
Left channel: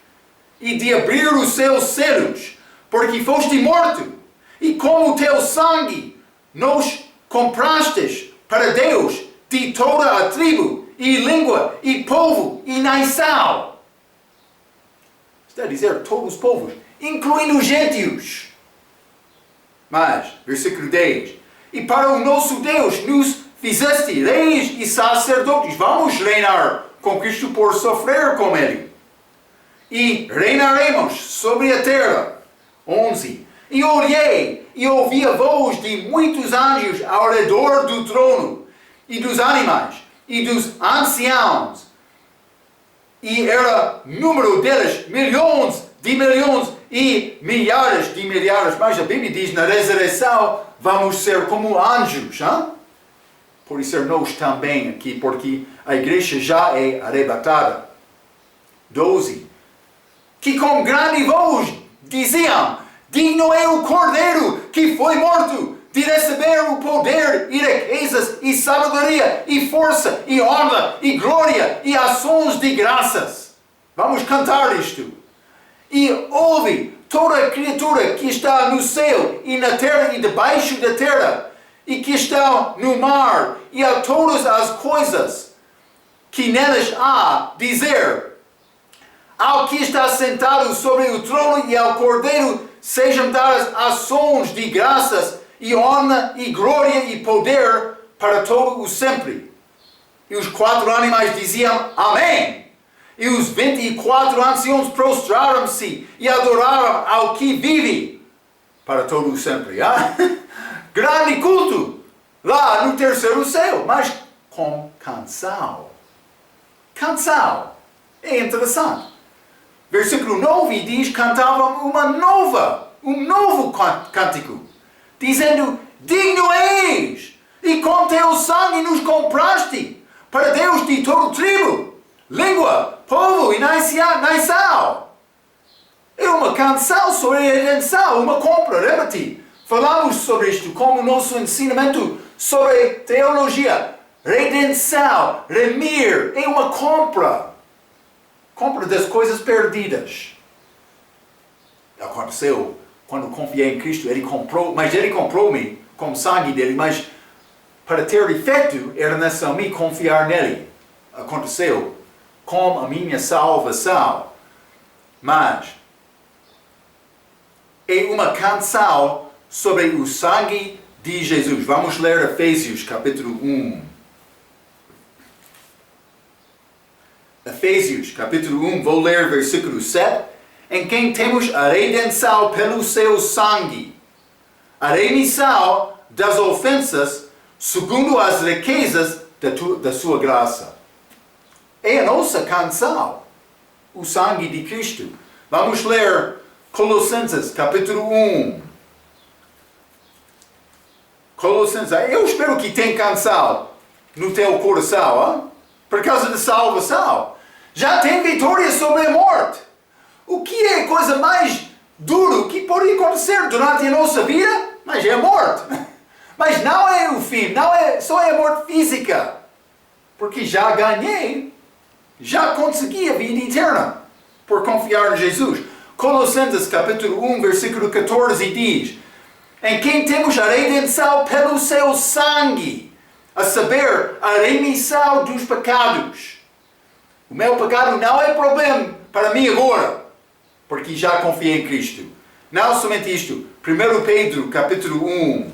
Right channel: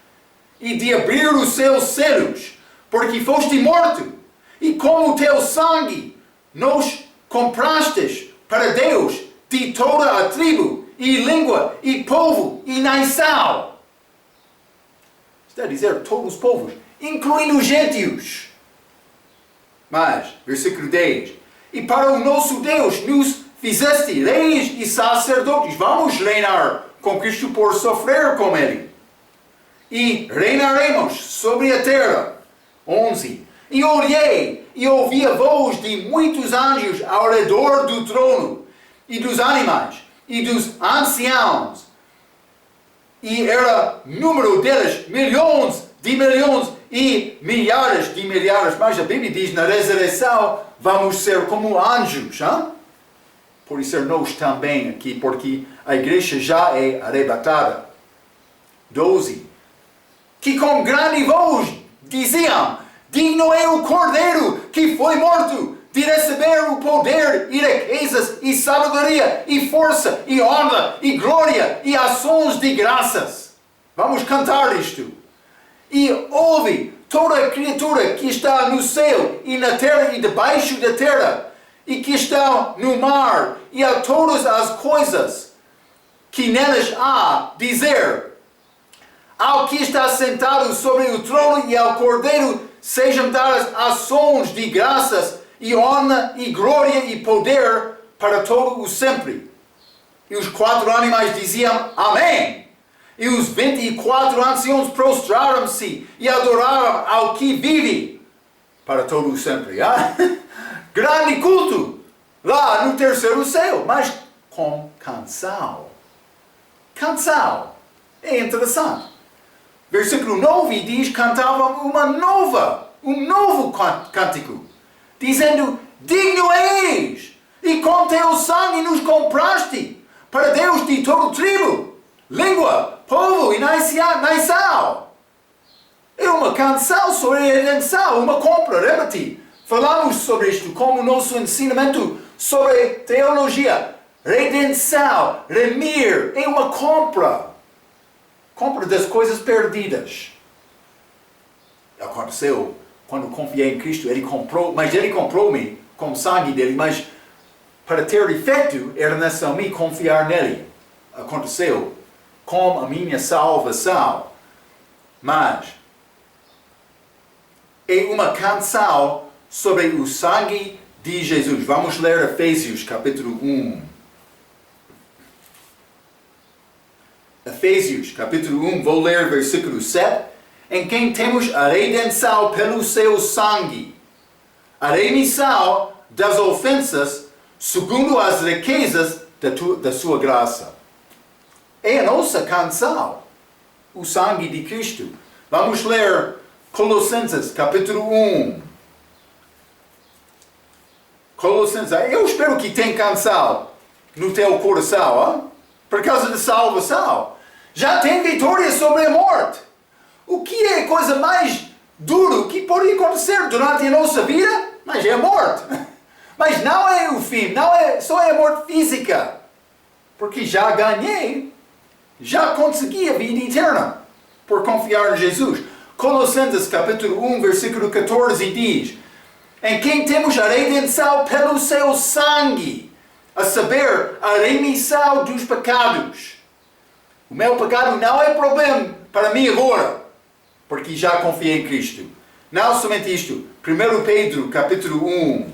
E de abrir os seus selos, porque foste morto. E com o teu sangue nos comprastes para Deus de toda a tribo, e língua, e povo, e nação. Está a dizer todos os povos, incluindo os gentios. Mas, versículo 10. E para o nosso Deus nos fizeste reis e sacerdotes. Vamos reinar com Cristo por sofrer com Ele. E reinaremos sobre a terra. 11. E olhei e ouvi a voz de muitos anjos ao redor do trono, e dos animais, e dos anciãos. E era número deles milhões de milhões e milhares de milhares. Mas a Bíblia diz, na ressurreição, vamos ser como anjos. Hein? Por isso nós também aqui, porque a igreja já é arrebatada. 12. Que com grande voz diziam: Digno é o Cordeiro que foi morto de receber o poder e riquezas e sabedoria e força e honra e glória e ações de graças. Vamos cantar isto. E ouve toda a criatura que está no céu e na terra e debaixo da terra e que está no mar e a todas as coisas que nelas há, dizer: Ao que está sentado sobre o trono e ao Cordeiro sejam dadas ações de graças e honra e glória e poder para todo o sempre. E os 4 animais diziam: Amém. E os 24 anciãos prostraram-se e adoraram ao que vive para todo o sempre. Ah? Grande culto lá no terceiro céu, mas com canção. Canção. É interessante. Versículo 9 diz: cantavam um novo cântico, dizendo: Digno és, e com teu sangue nos compraste para Deus de todo tribo, língua, povo e nação. É uma canção sobre a redenção, uma compra. Repete. Falamos sobre isto como nosso ensinamento sobre teologia. Redenção, remir, é uma compra. Compra das coisas perdidas. Aconteceu quando confiei em Cristo, Ele comprou-me com o sangue dele, mas para ter efeito era necessário me confiar nele. Aconteceu com a minha salvação. Mas é uma canção sobre o sangue de Jesus. Vamos ler Efésios capítulo 1. Efésios capítulo 1, vou ler versículo 7. Em quem temos a redenção pelo seu sangue, a remissão das ofensas, segundo as riquezas da sua graça. É a nossa canção, o sangue de Cristo. Vamos ler Colossenses capítulo 1. Colossenses, eu espero que tenha canção no teu coração, hein? Por causa da salvação. Já tem vitória sobre a morte. O que é a coisa mais dura que pode acontecer durante a nossa vida? Mas é a morte. Mas não é o fim, não é só a morte física. Porque já ganhei, já consegui a vida eterna por confiar em Jesus. Colossenses capítulo 1, versículo 14 diz: em quem temos a redenção pelo seu sangue, a saber, a remissão dos pecados. O meu pecado não é problema para mim agora, porque já confiei em Cristo. Não somente isto. 1 Pedro capítulo 1.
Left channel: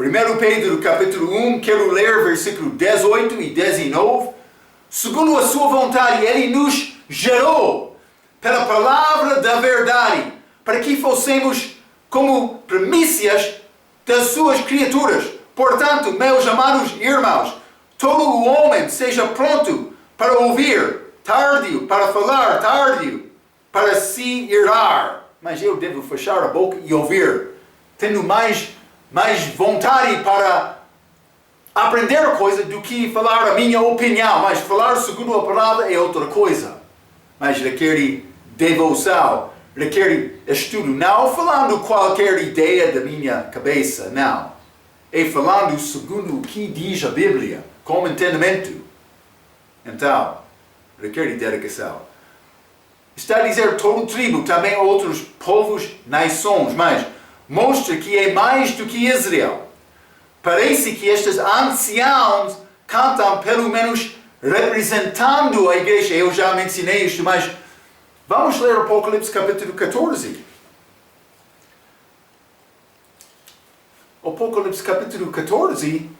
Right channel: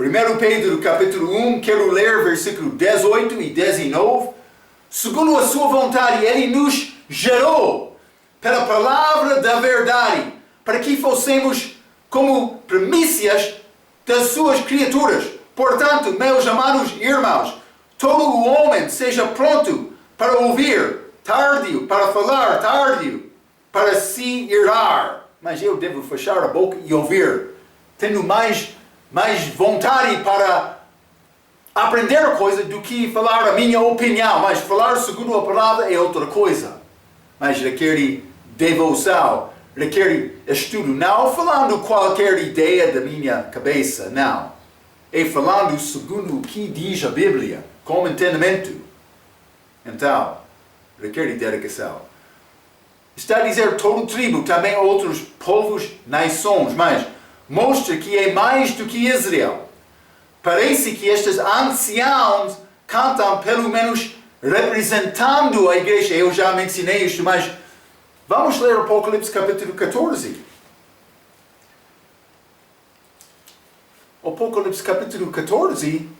1 Pedro capítulo 1, quero ler versículo 18 e 19. Segundo a sua vontade, Ele nos gerou pela palavra da verdade, para que fossemos como primícias das suas criaturas. Portanto, meus amados irmãos, todo o homem seja pronto para ouvir, tardio para falar, tardio para se irar. Mas eu devo fechar a boca e ouvir, tendo mais vontade para aprender coisa do que falar a minha opinião. Mas falar segundo a palavra é outra coisa. Mas requer devoção, requer estudo. Não falando qualquer ideia da minha cabeça, não. É falando segundo o que diz a Bíblia, com entendimento. Então, requer dedicação. Está a dizer todo tribo, também outros povos, nações, mas mostra que é mais do que Israel. Parece que estes anciãos cantam pelo menos representando a igreja. Eu já mencionei isto, mas vamos ler Apocalipse capítulo 14. Apocalipse capítulo 14,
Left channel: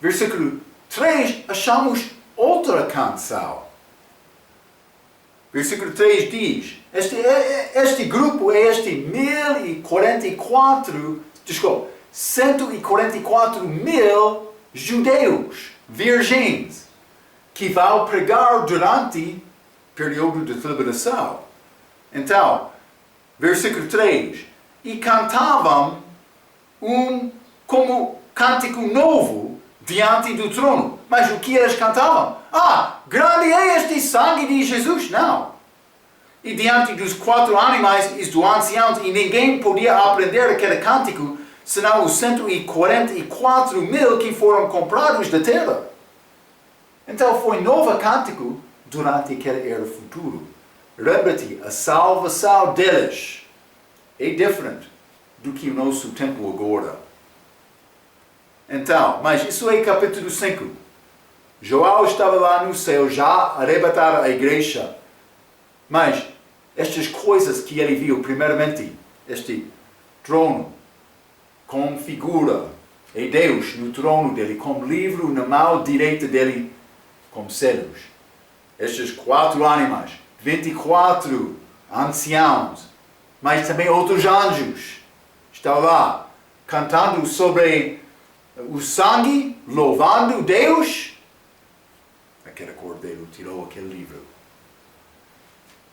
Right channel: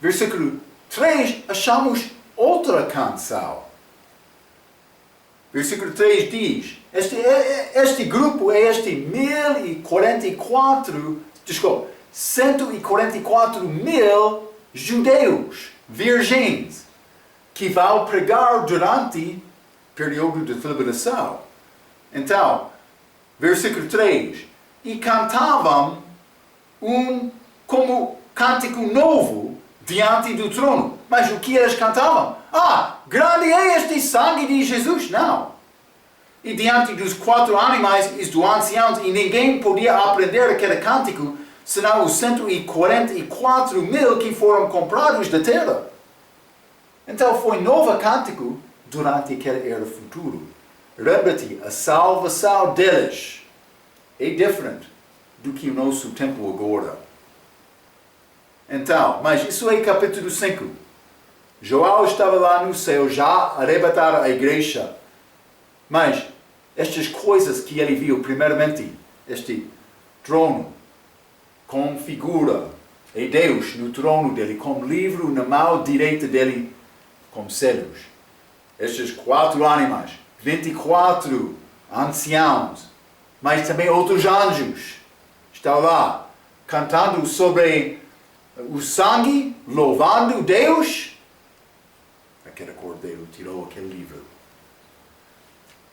versículo 3, achamos outra canção. Versículo 3 diz, este grupo é 144 mil judeus, virgens, que vão pregar durante o período de tribulação. Então, versículo 3, e cantavam como cântico novo diante do trono. Mas o que eles cantavam? Grande é este sangue de Jesus. Não. E diante dos 4 animais e dos anciãos, e ninguém podia aprender aquele cântico, senão os 144 mil que foram comprados da terra. Então foi novo cântico durante aquele era futuro. Repete, a salvação deles é diferente do que o nosso tempo agora. Então, mas isso é capítulo 5. João estava lá no céu já a arrebatar a igreja. Mas estas coisas que ele viu, primeiramente, este trono com figura, é Deus no trono dele, com livro na mão direita dele, com selos. Estes 4 animais, 24 anciãos, mas também outros anjos estão lá, cantando sobre o sangue, louvando Deus. Aquele cordeiro tirou aquele livro.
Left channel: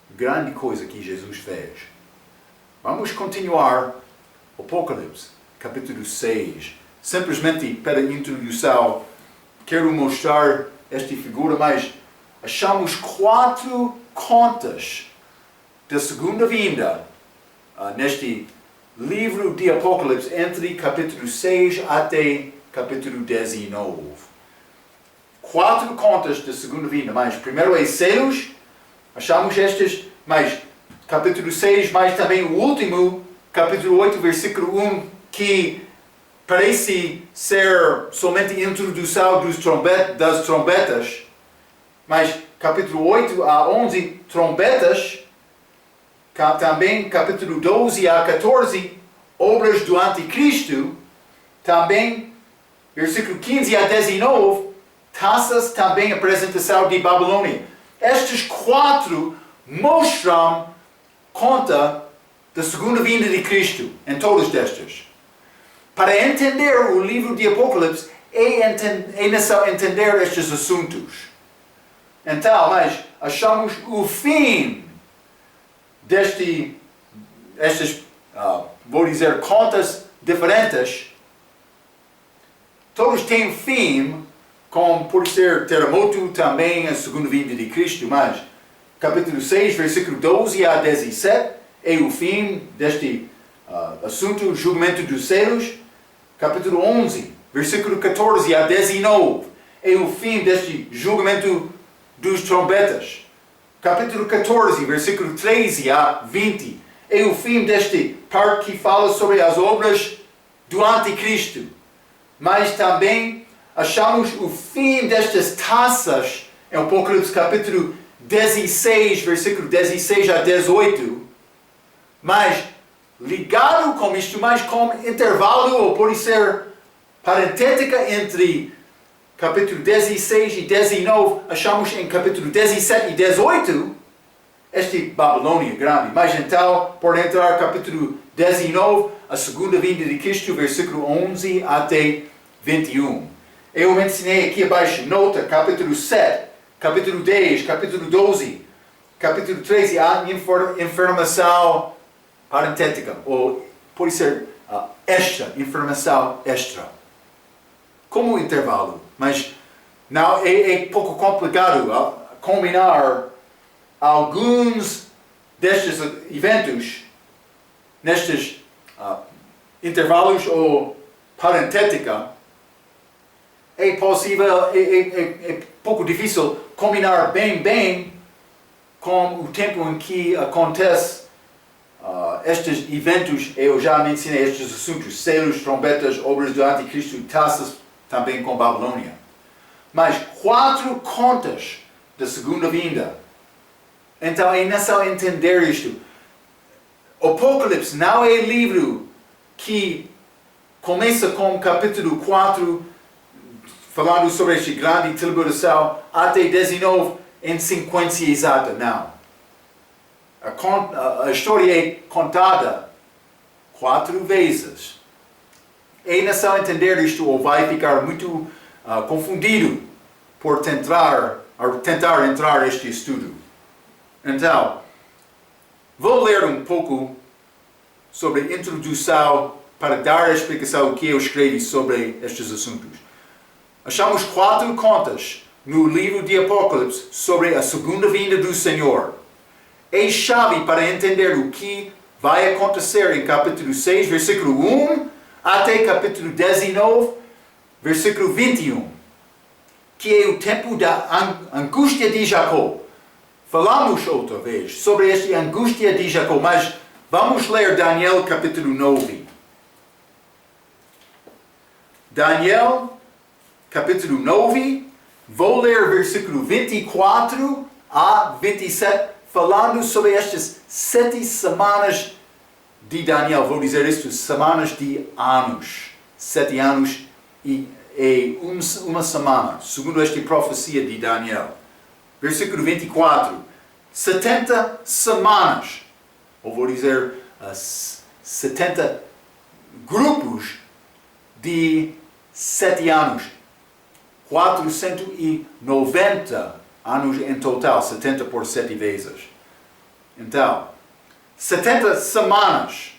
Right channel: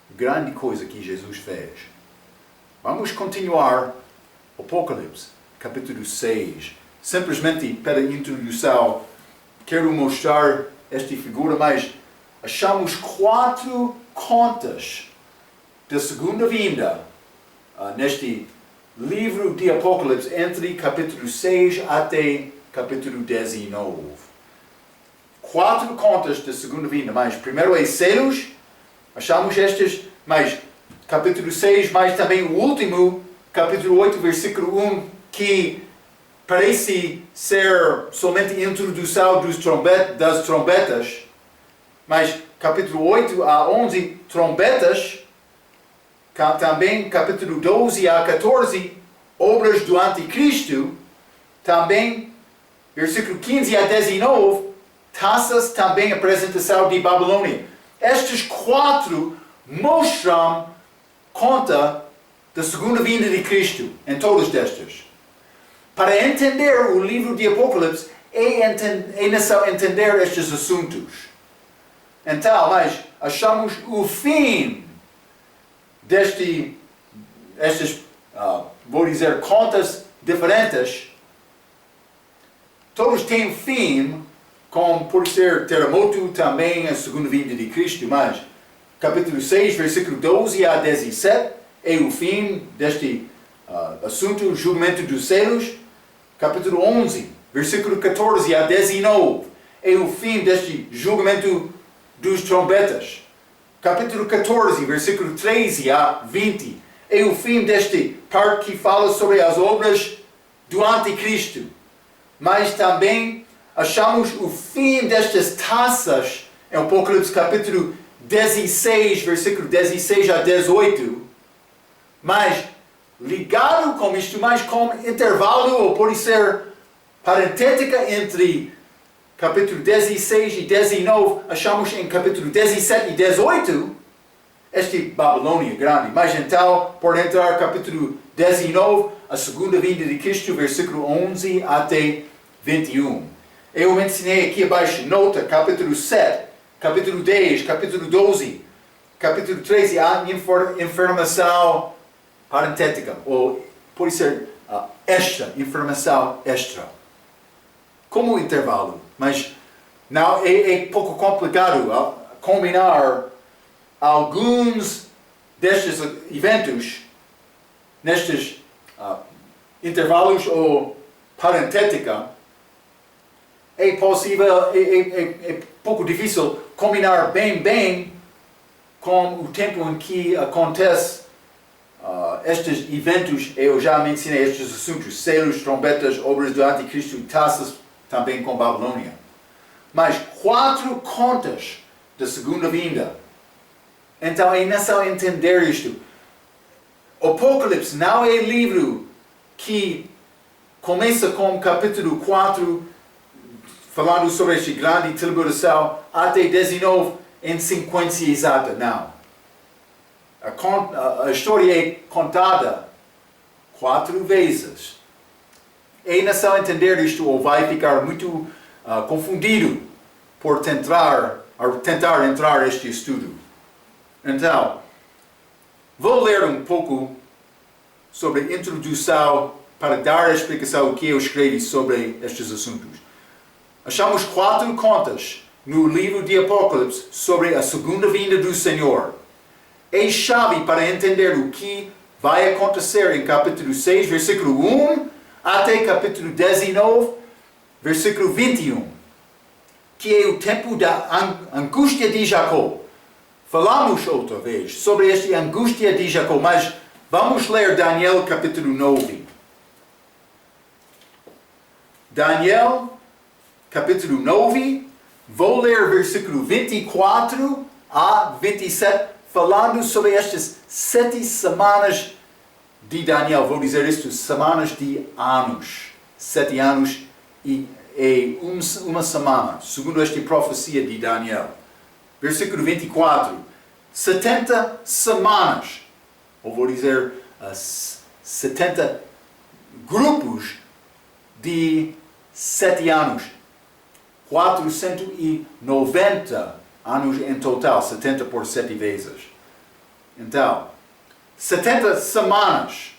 Grande coisa que Jesus fez. Vamos continuar Apocalipse, capítulo 6. Simplesmente para introdução, quero mostrar esta figura, mas achamos 4 contas da segunda vinda neste livro de Apocalipse, entre capítulo 6 até capítulo 19. 4 contas da segunda vinda, mas primeiro é selos, achamos estes, mas capítulo 6, mas também o último, capítulo 8, versículo 1, que parece ser somente introdução das trombetas, mas capítulo 8 a 11, trombetas, também capítulo 12 a 14, obras do anticristo, também versículo 15 a 19, taças, também apresentação de Babilônia. Estes 4 mostram conta da segunda vinda de Cristo em todas destas. Para entender o livro de Apocalipse, é necessário entender estes assuntos. Então, mas achamos o fim estas, vou dizer, contas diferentes. Todos têm fim, como por ser terremoto, também a segunda vinda de Cristo, mas capítulo 6, versículo 12 a 17, é o fim deste assunto, julgamento dos selos. Capítulo 11, versículo 14 a 19, é o fim deste julgamento dos trombetas. Capítulo 14, versículo 13 a 20, é o fim deste parte que fala sobre as obras do anticristo. Mas também achamos o fim destas taças em Apocalipse capítulo 16, versículo 16 a 18. Mas ligado com isto, mas com intervalo, ou pode ser parentética entre capítulo 16 e 19, achamos em capítulo 17 e 18, este Babilônia grande. Mas então, por entrar capítulo 19, a segunda vinda de Cristo, versículo 11 até 21. Eu mencionei aqui abaixo, nota, capítulo 7, capítulo 10, capítulo 12, capítulo 13, a informação parentética, ou pode ser extra, informação extra. Como intervalo, mas não é pouco complicado combinar alguns destes eventos nestes intervalos ou parentética. É possível, é pouco difícil combinar bem com o tempo em que acontece estes eventos. Eu já mencionei estes assuntos: selos, trombetas, obras do anticristo, taças, também com Babilônia. Mas 4 contas da segunda vinda. Então é necessário entender isto. Apocalipse não é livro que começa com capítulo 4, falando sobre esta grande tribulação, até 19 em sequência exata. Não. A história é contada 4 vezes. É necessário entender isto, ou vai ficar muito confundido por tentar entrar neste estudo. Então, vou ler um pouco sobre a introdução para dar a explicação do que eu escrevi sobre estes assuntos. Achamos 4 contas no livro de Apocalipse sobre a segunda vinda do Senhor. É chave para entender o que vai acontecer em capítulo 6, versículo 1, até capítulo 19, versículo 21, que é o tempo da angústia de Jacó. Falamos outra vez sobre esta angústia de Jacó, mas vamos ler Daniel capítulo 9. Daniel capítulo 9, vou ler versículo 24 a 27, falando sobre estas 7 semanas de Daniel. Vou dizer isto, semanas de anos. 7 anos e uma semana, segundo esta profecia de Daniel. Versículo 24. 70 semanas, ou vou dizer 70 grupos de 7 anos. 490 anos em total, 70 por 7 vezes. Então, 70 semanas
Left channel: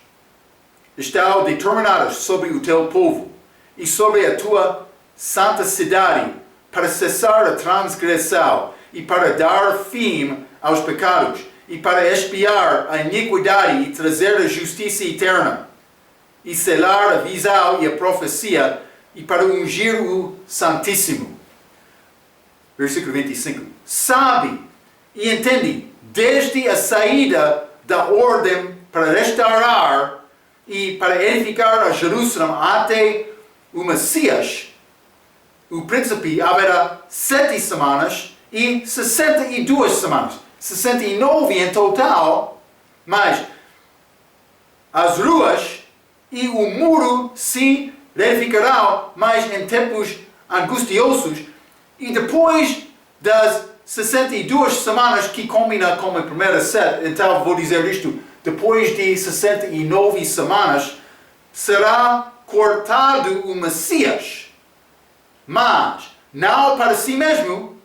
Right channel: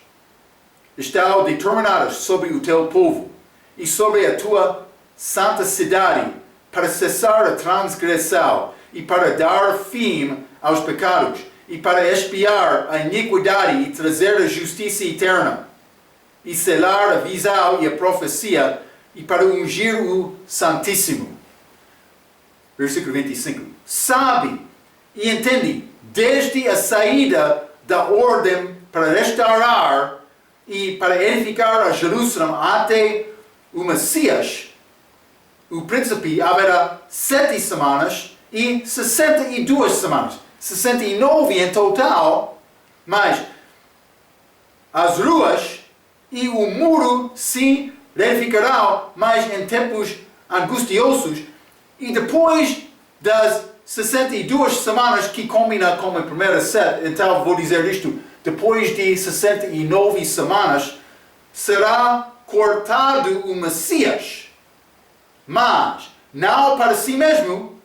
estão determinadas sobre o teu povo e sobre a tua santa cidade para cessar a transgressão e para dar fim aos pecados e para expiar a iniquidade e trazer a justiça eterna e selar a visão e a profecia e para ungir o Santíssimo. Versículo 25. Sabe e entende desde a saída da ordem para restaurar e para edificar a Jerusalém até o Messias, o príncipe haverá 7 semanas e 62 semanas. 69 em total, mas as ruas e o muro se edificarão mais em tempos angustiosos e depois das 62 semanas que combina com a primeira 7, então vou dizer isto, depois de 69 semanas será cortado o Messias, mas não para si mesmo,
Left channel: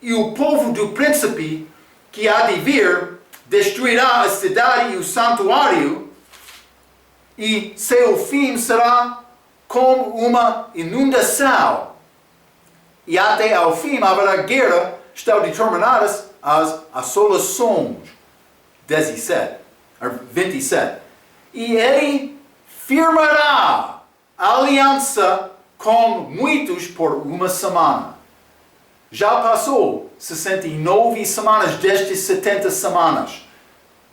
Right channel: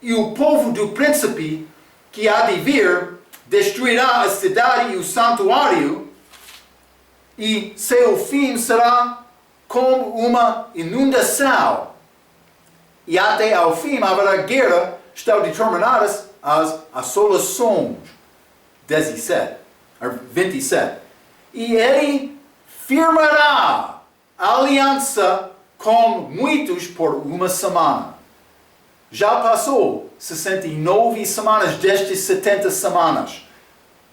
e o povo do príncipe que há de vir destruirá a cidade e o santuário, e seu fim será como uma inundação. E até ao fim haverá guerra, estão determinadas as assolações. 27. E ele firmará aliança com muitos por uma semana. Já passou 69 semanas destas 70 semanas.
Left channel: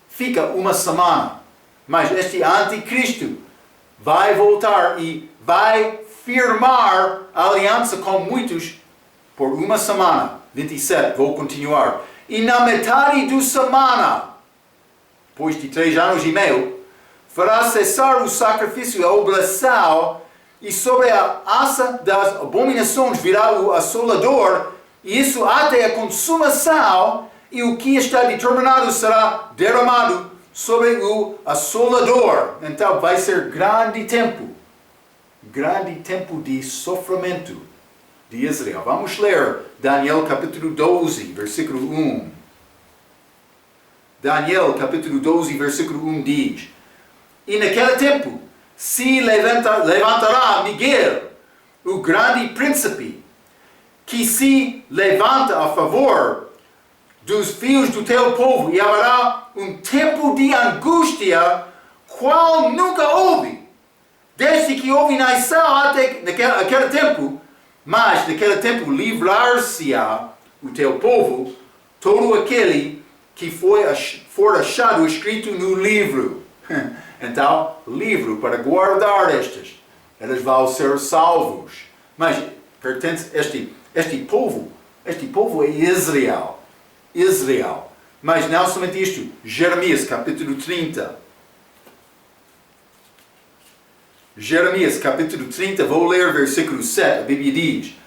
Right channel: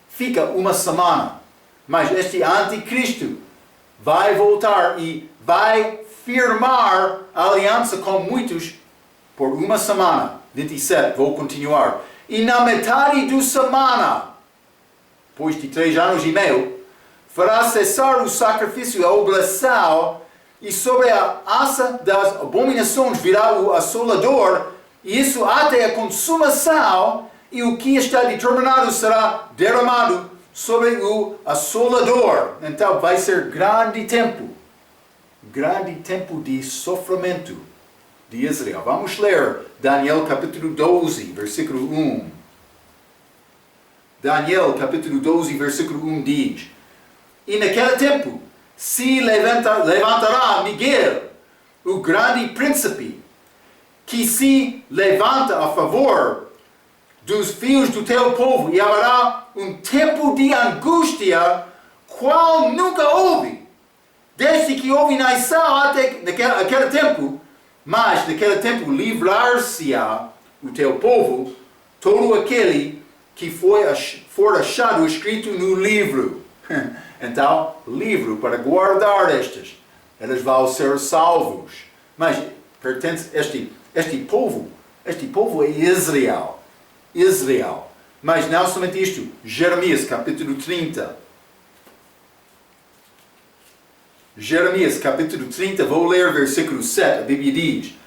Fica uma semana. Mas este anticristo vai voltar e vai firmar aliança com muitos por uma semana. 27, vou continuar. E na metade da semana, depois de 3 anos e meio, fará cessar o sacrifício e a oblação, e sobre a assa das abominações virá o assolador, e isso até a consumação, e o que está determinado será derramado sobre o assolador. Então vai ser grande tempo de sofrimento de Israel. Vamos ler Daniel capítulo 12, versículo 1. Daniel capítulo 12, versículo 1 diz: E naquele tempo se levantará Miguel, o grande príncipe, que se levanta a favor dos filhos do teu povo, e haverá um tempo de angústia, qual nunca houve, desde que houve nação até aquele tempo. Mas naquele tempo livrar-se-á o teu povo, todo aquele que for achado escrito no livro. Então, livro para guardar estes, eles vão ser salvos. Mas pertence este povo é Israel. Mas não somente isto, Jeremias capítulo 30. Jeremias capítulo 30, vou ler versículo 7, a Bíblia diz:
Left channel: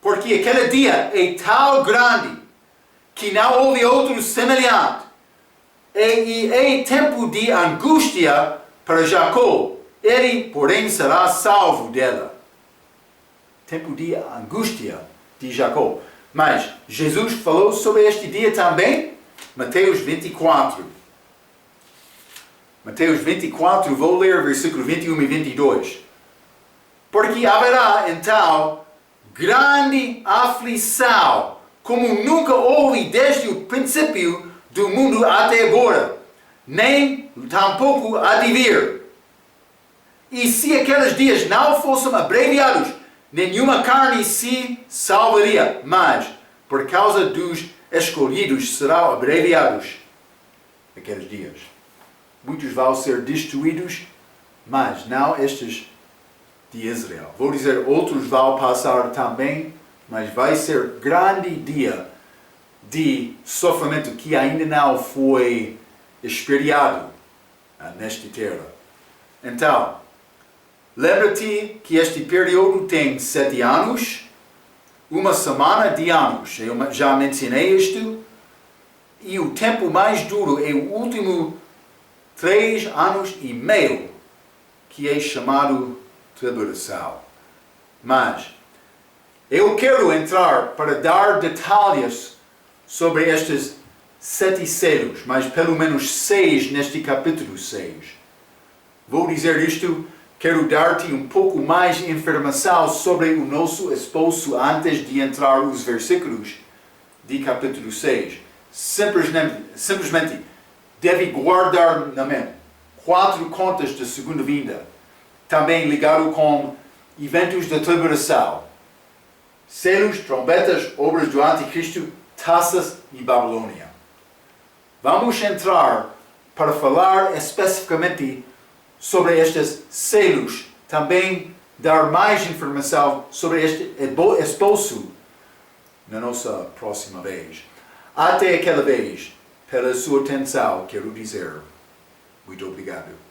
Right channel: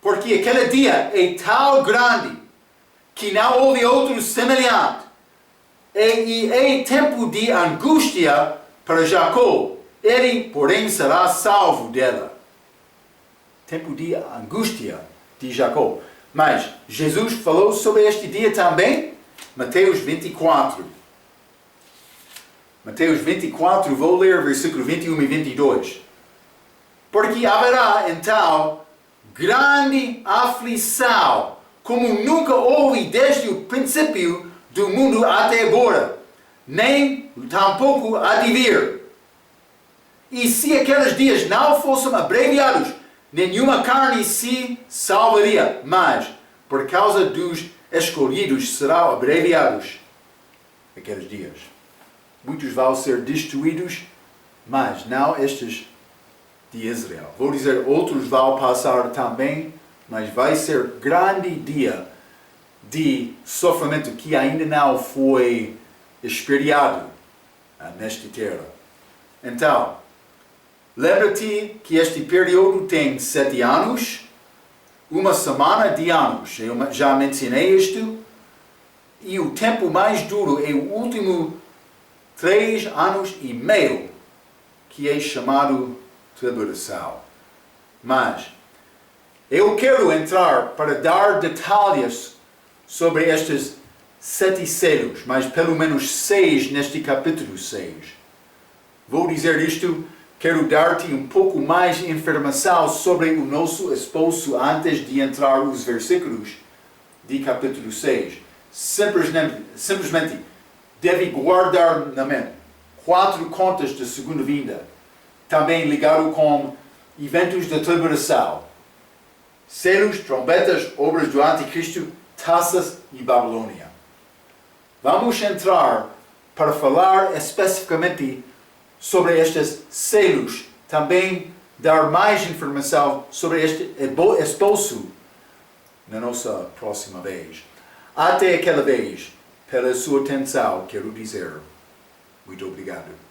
porque aquele dia é tão grande, que não houve outro semelhante, e é tempo de angústia para Jacó, ele, porém, será salvo dela. Tempo de angústia de Jacó. Mas Jesus falou sobre este dia também, Mateus 24. Mateus 24, vou ler versículo 21 e 22. Porque haverá então grande aflição, como nunca houve desde o princípio do mundo até agora, nem tampouco há de vir. E se aqueles dias não fossem abreviados, nenhuma carne se salvaria, mas por causa dos escolhidos serão abreviados aqueles dias. Muitos vão ser destruídos, mas não estes de Israel. Vou dizer, outros vão passar também, mas vai ser grande dia de sofrimento que ainda não foi experiado nesta terra. Então, lembra-te que este período tem 7 anos, uma semana de anos. Eu já mencionei isto. E o tempo mais duro é o último 3 anos e meio, que é chamado tribulação. Mas eu quero entrar para dar detalhes sobre estes 7 selos, mas pelo menos 6 neste capítulo 6. Vou dizer isto, quero dar-te um pouco mais de informação sobre o nosso esposo antes de entrar os versículos de capítulo 6. Simplesmente deve guardar na mente 4 contas da segunda vinda, também ligado com eventos da tribulação, selos, trombetas, obras do anticristo, taças e Babilônia. Vamos entrar para falar especificamente sobre estes selos, também dar mais informação sobre este esposo na nossa próxima vez. Até aquela vez, pela sua atenção, quero dizer muito obrigado.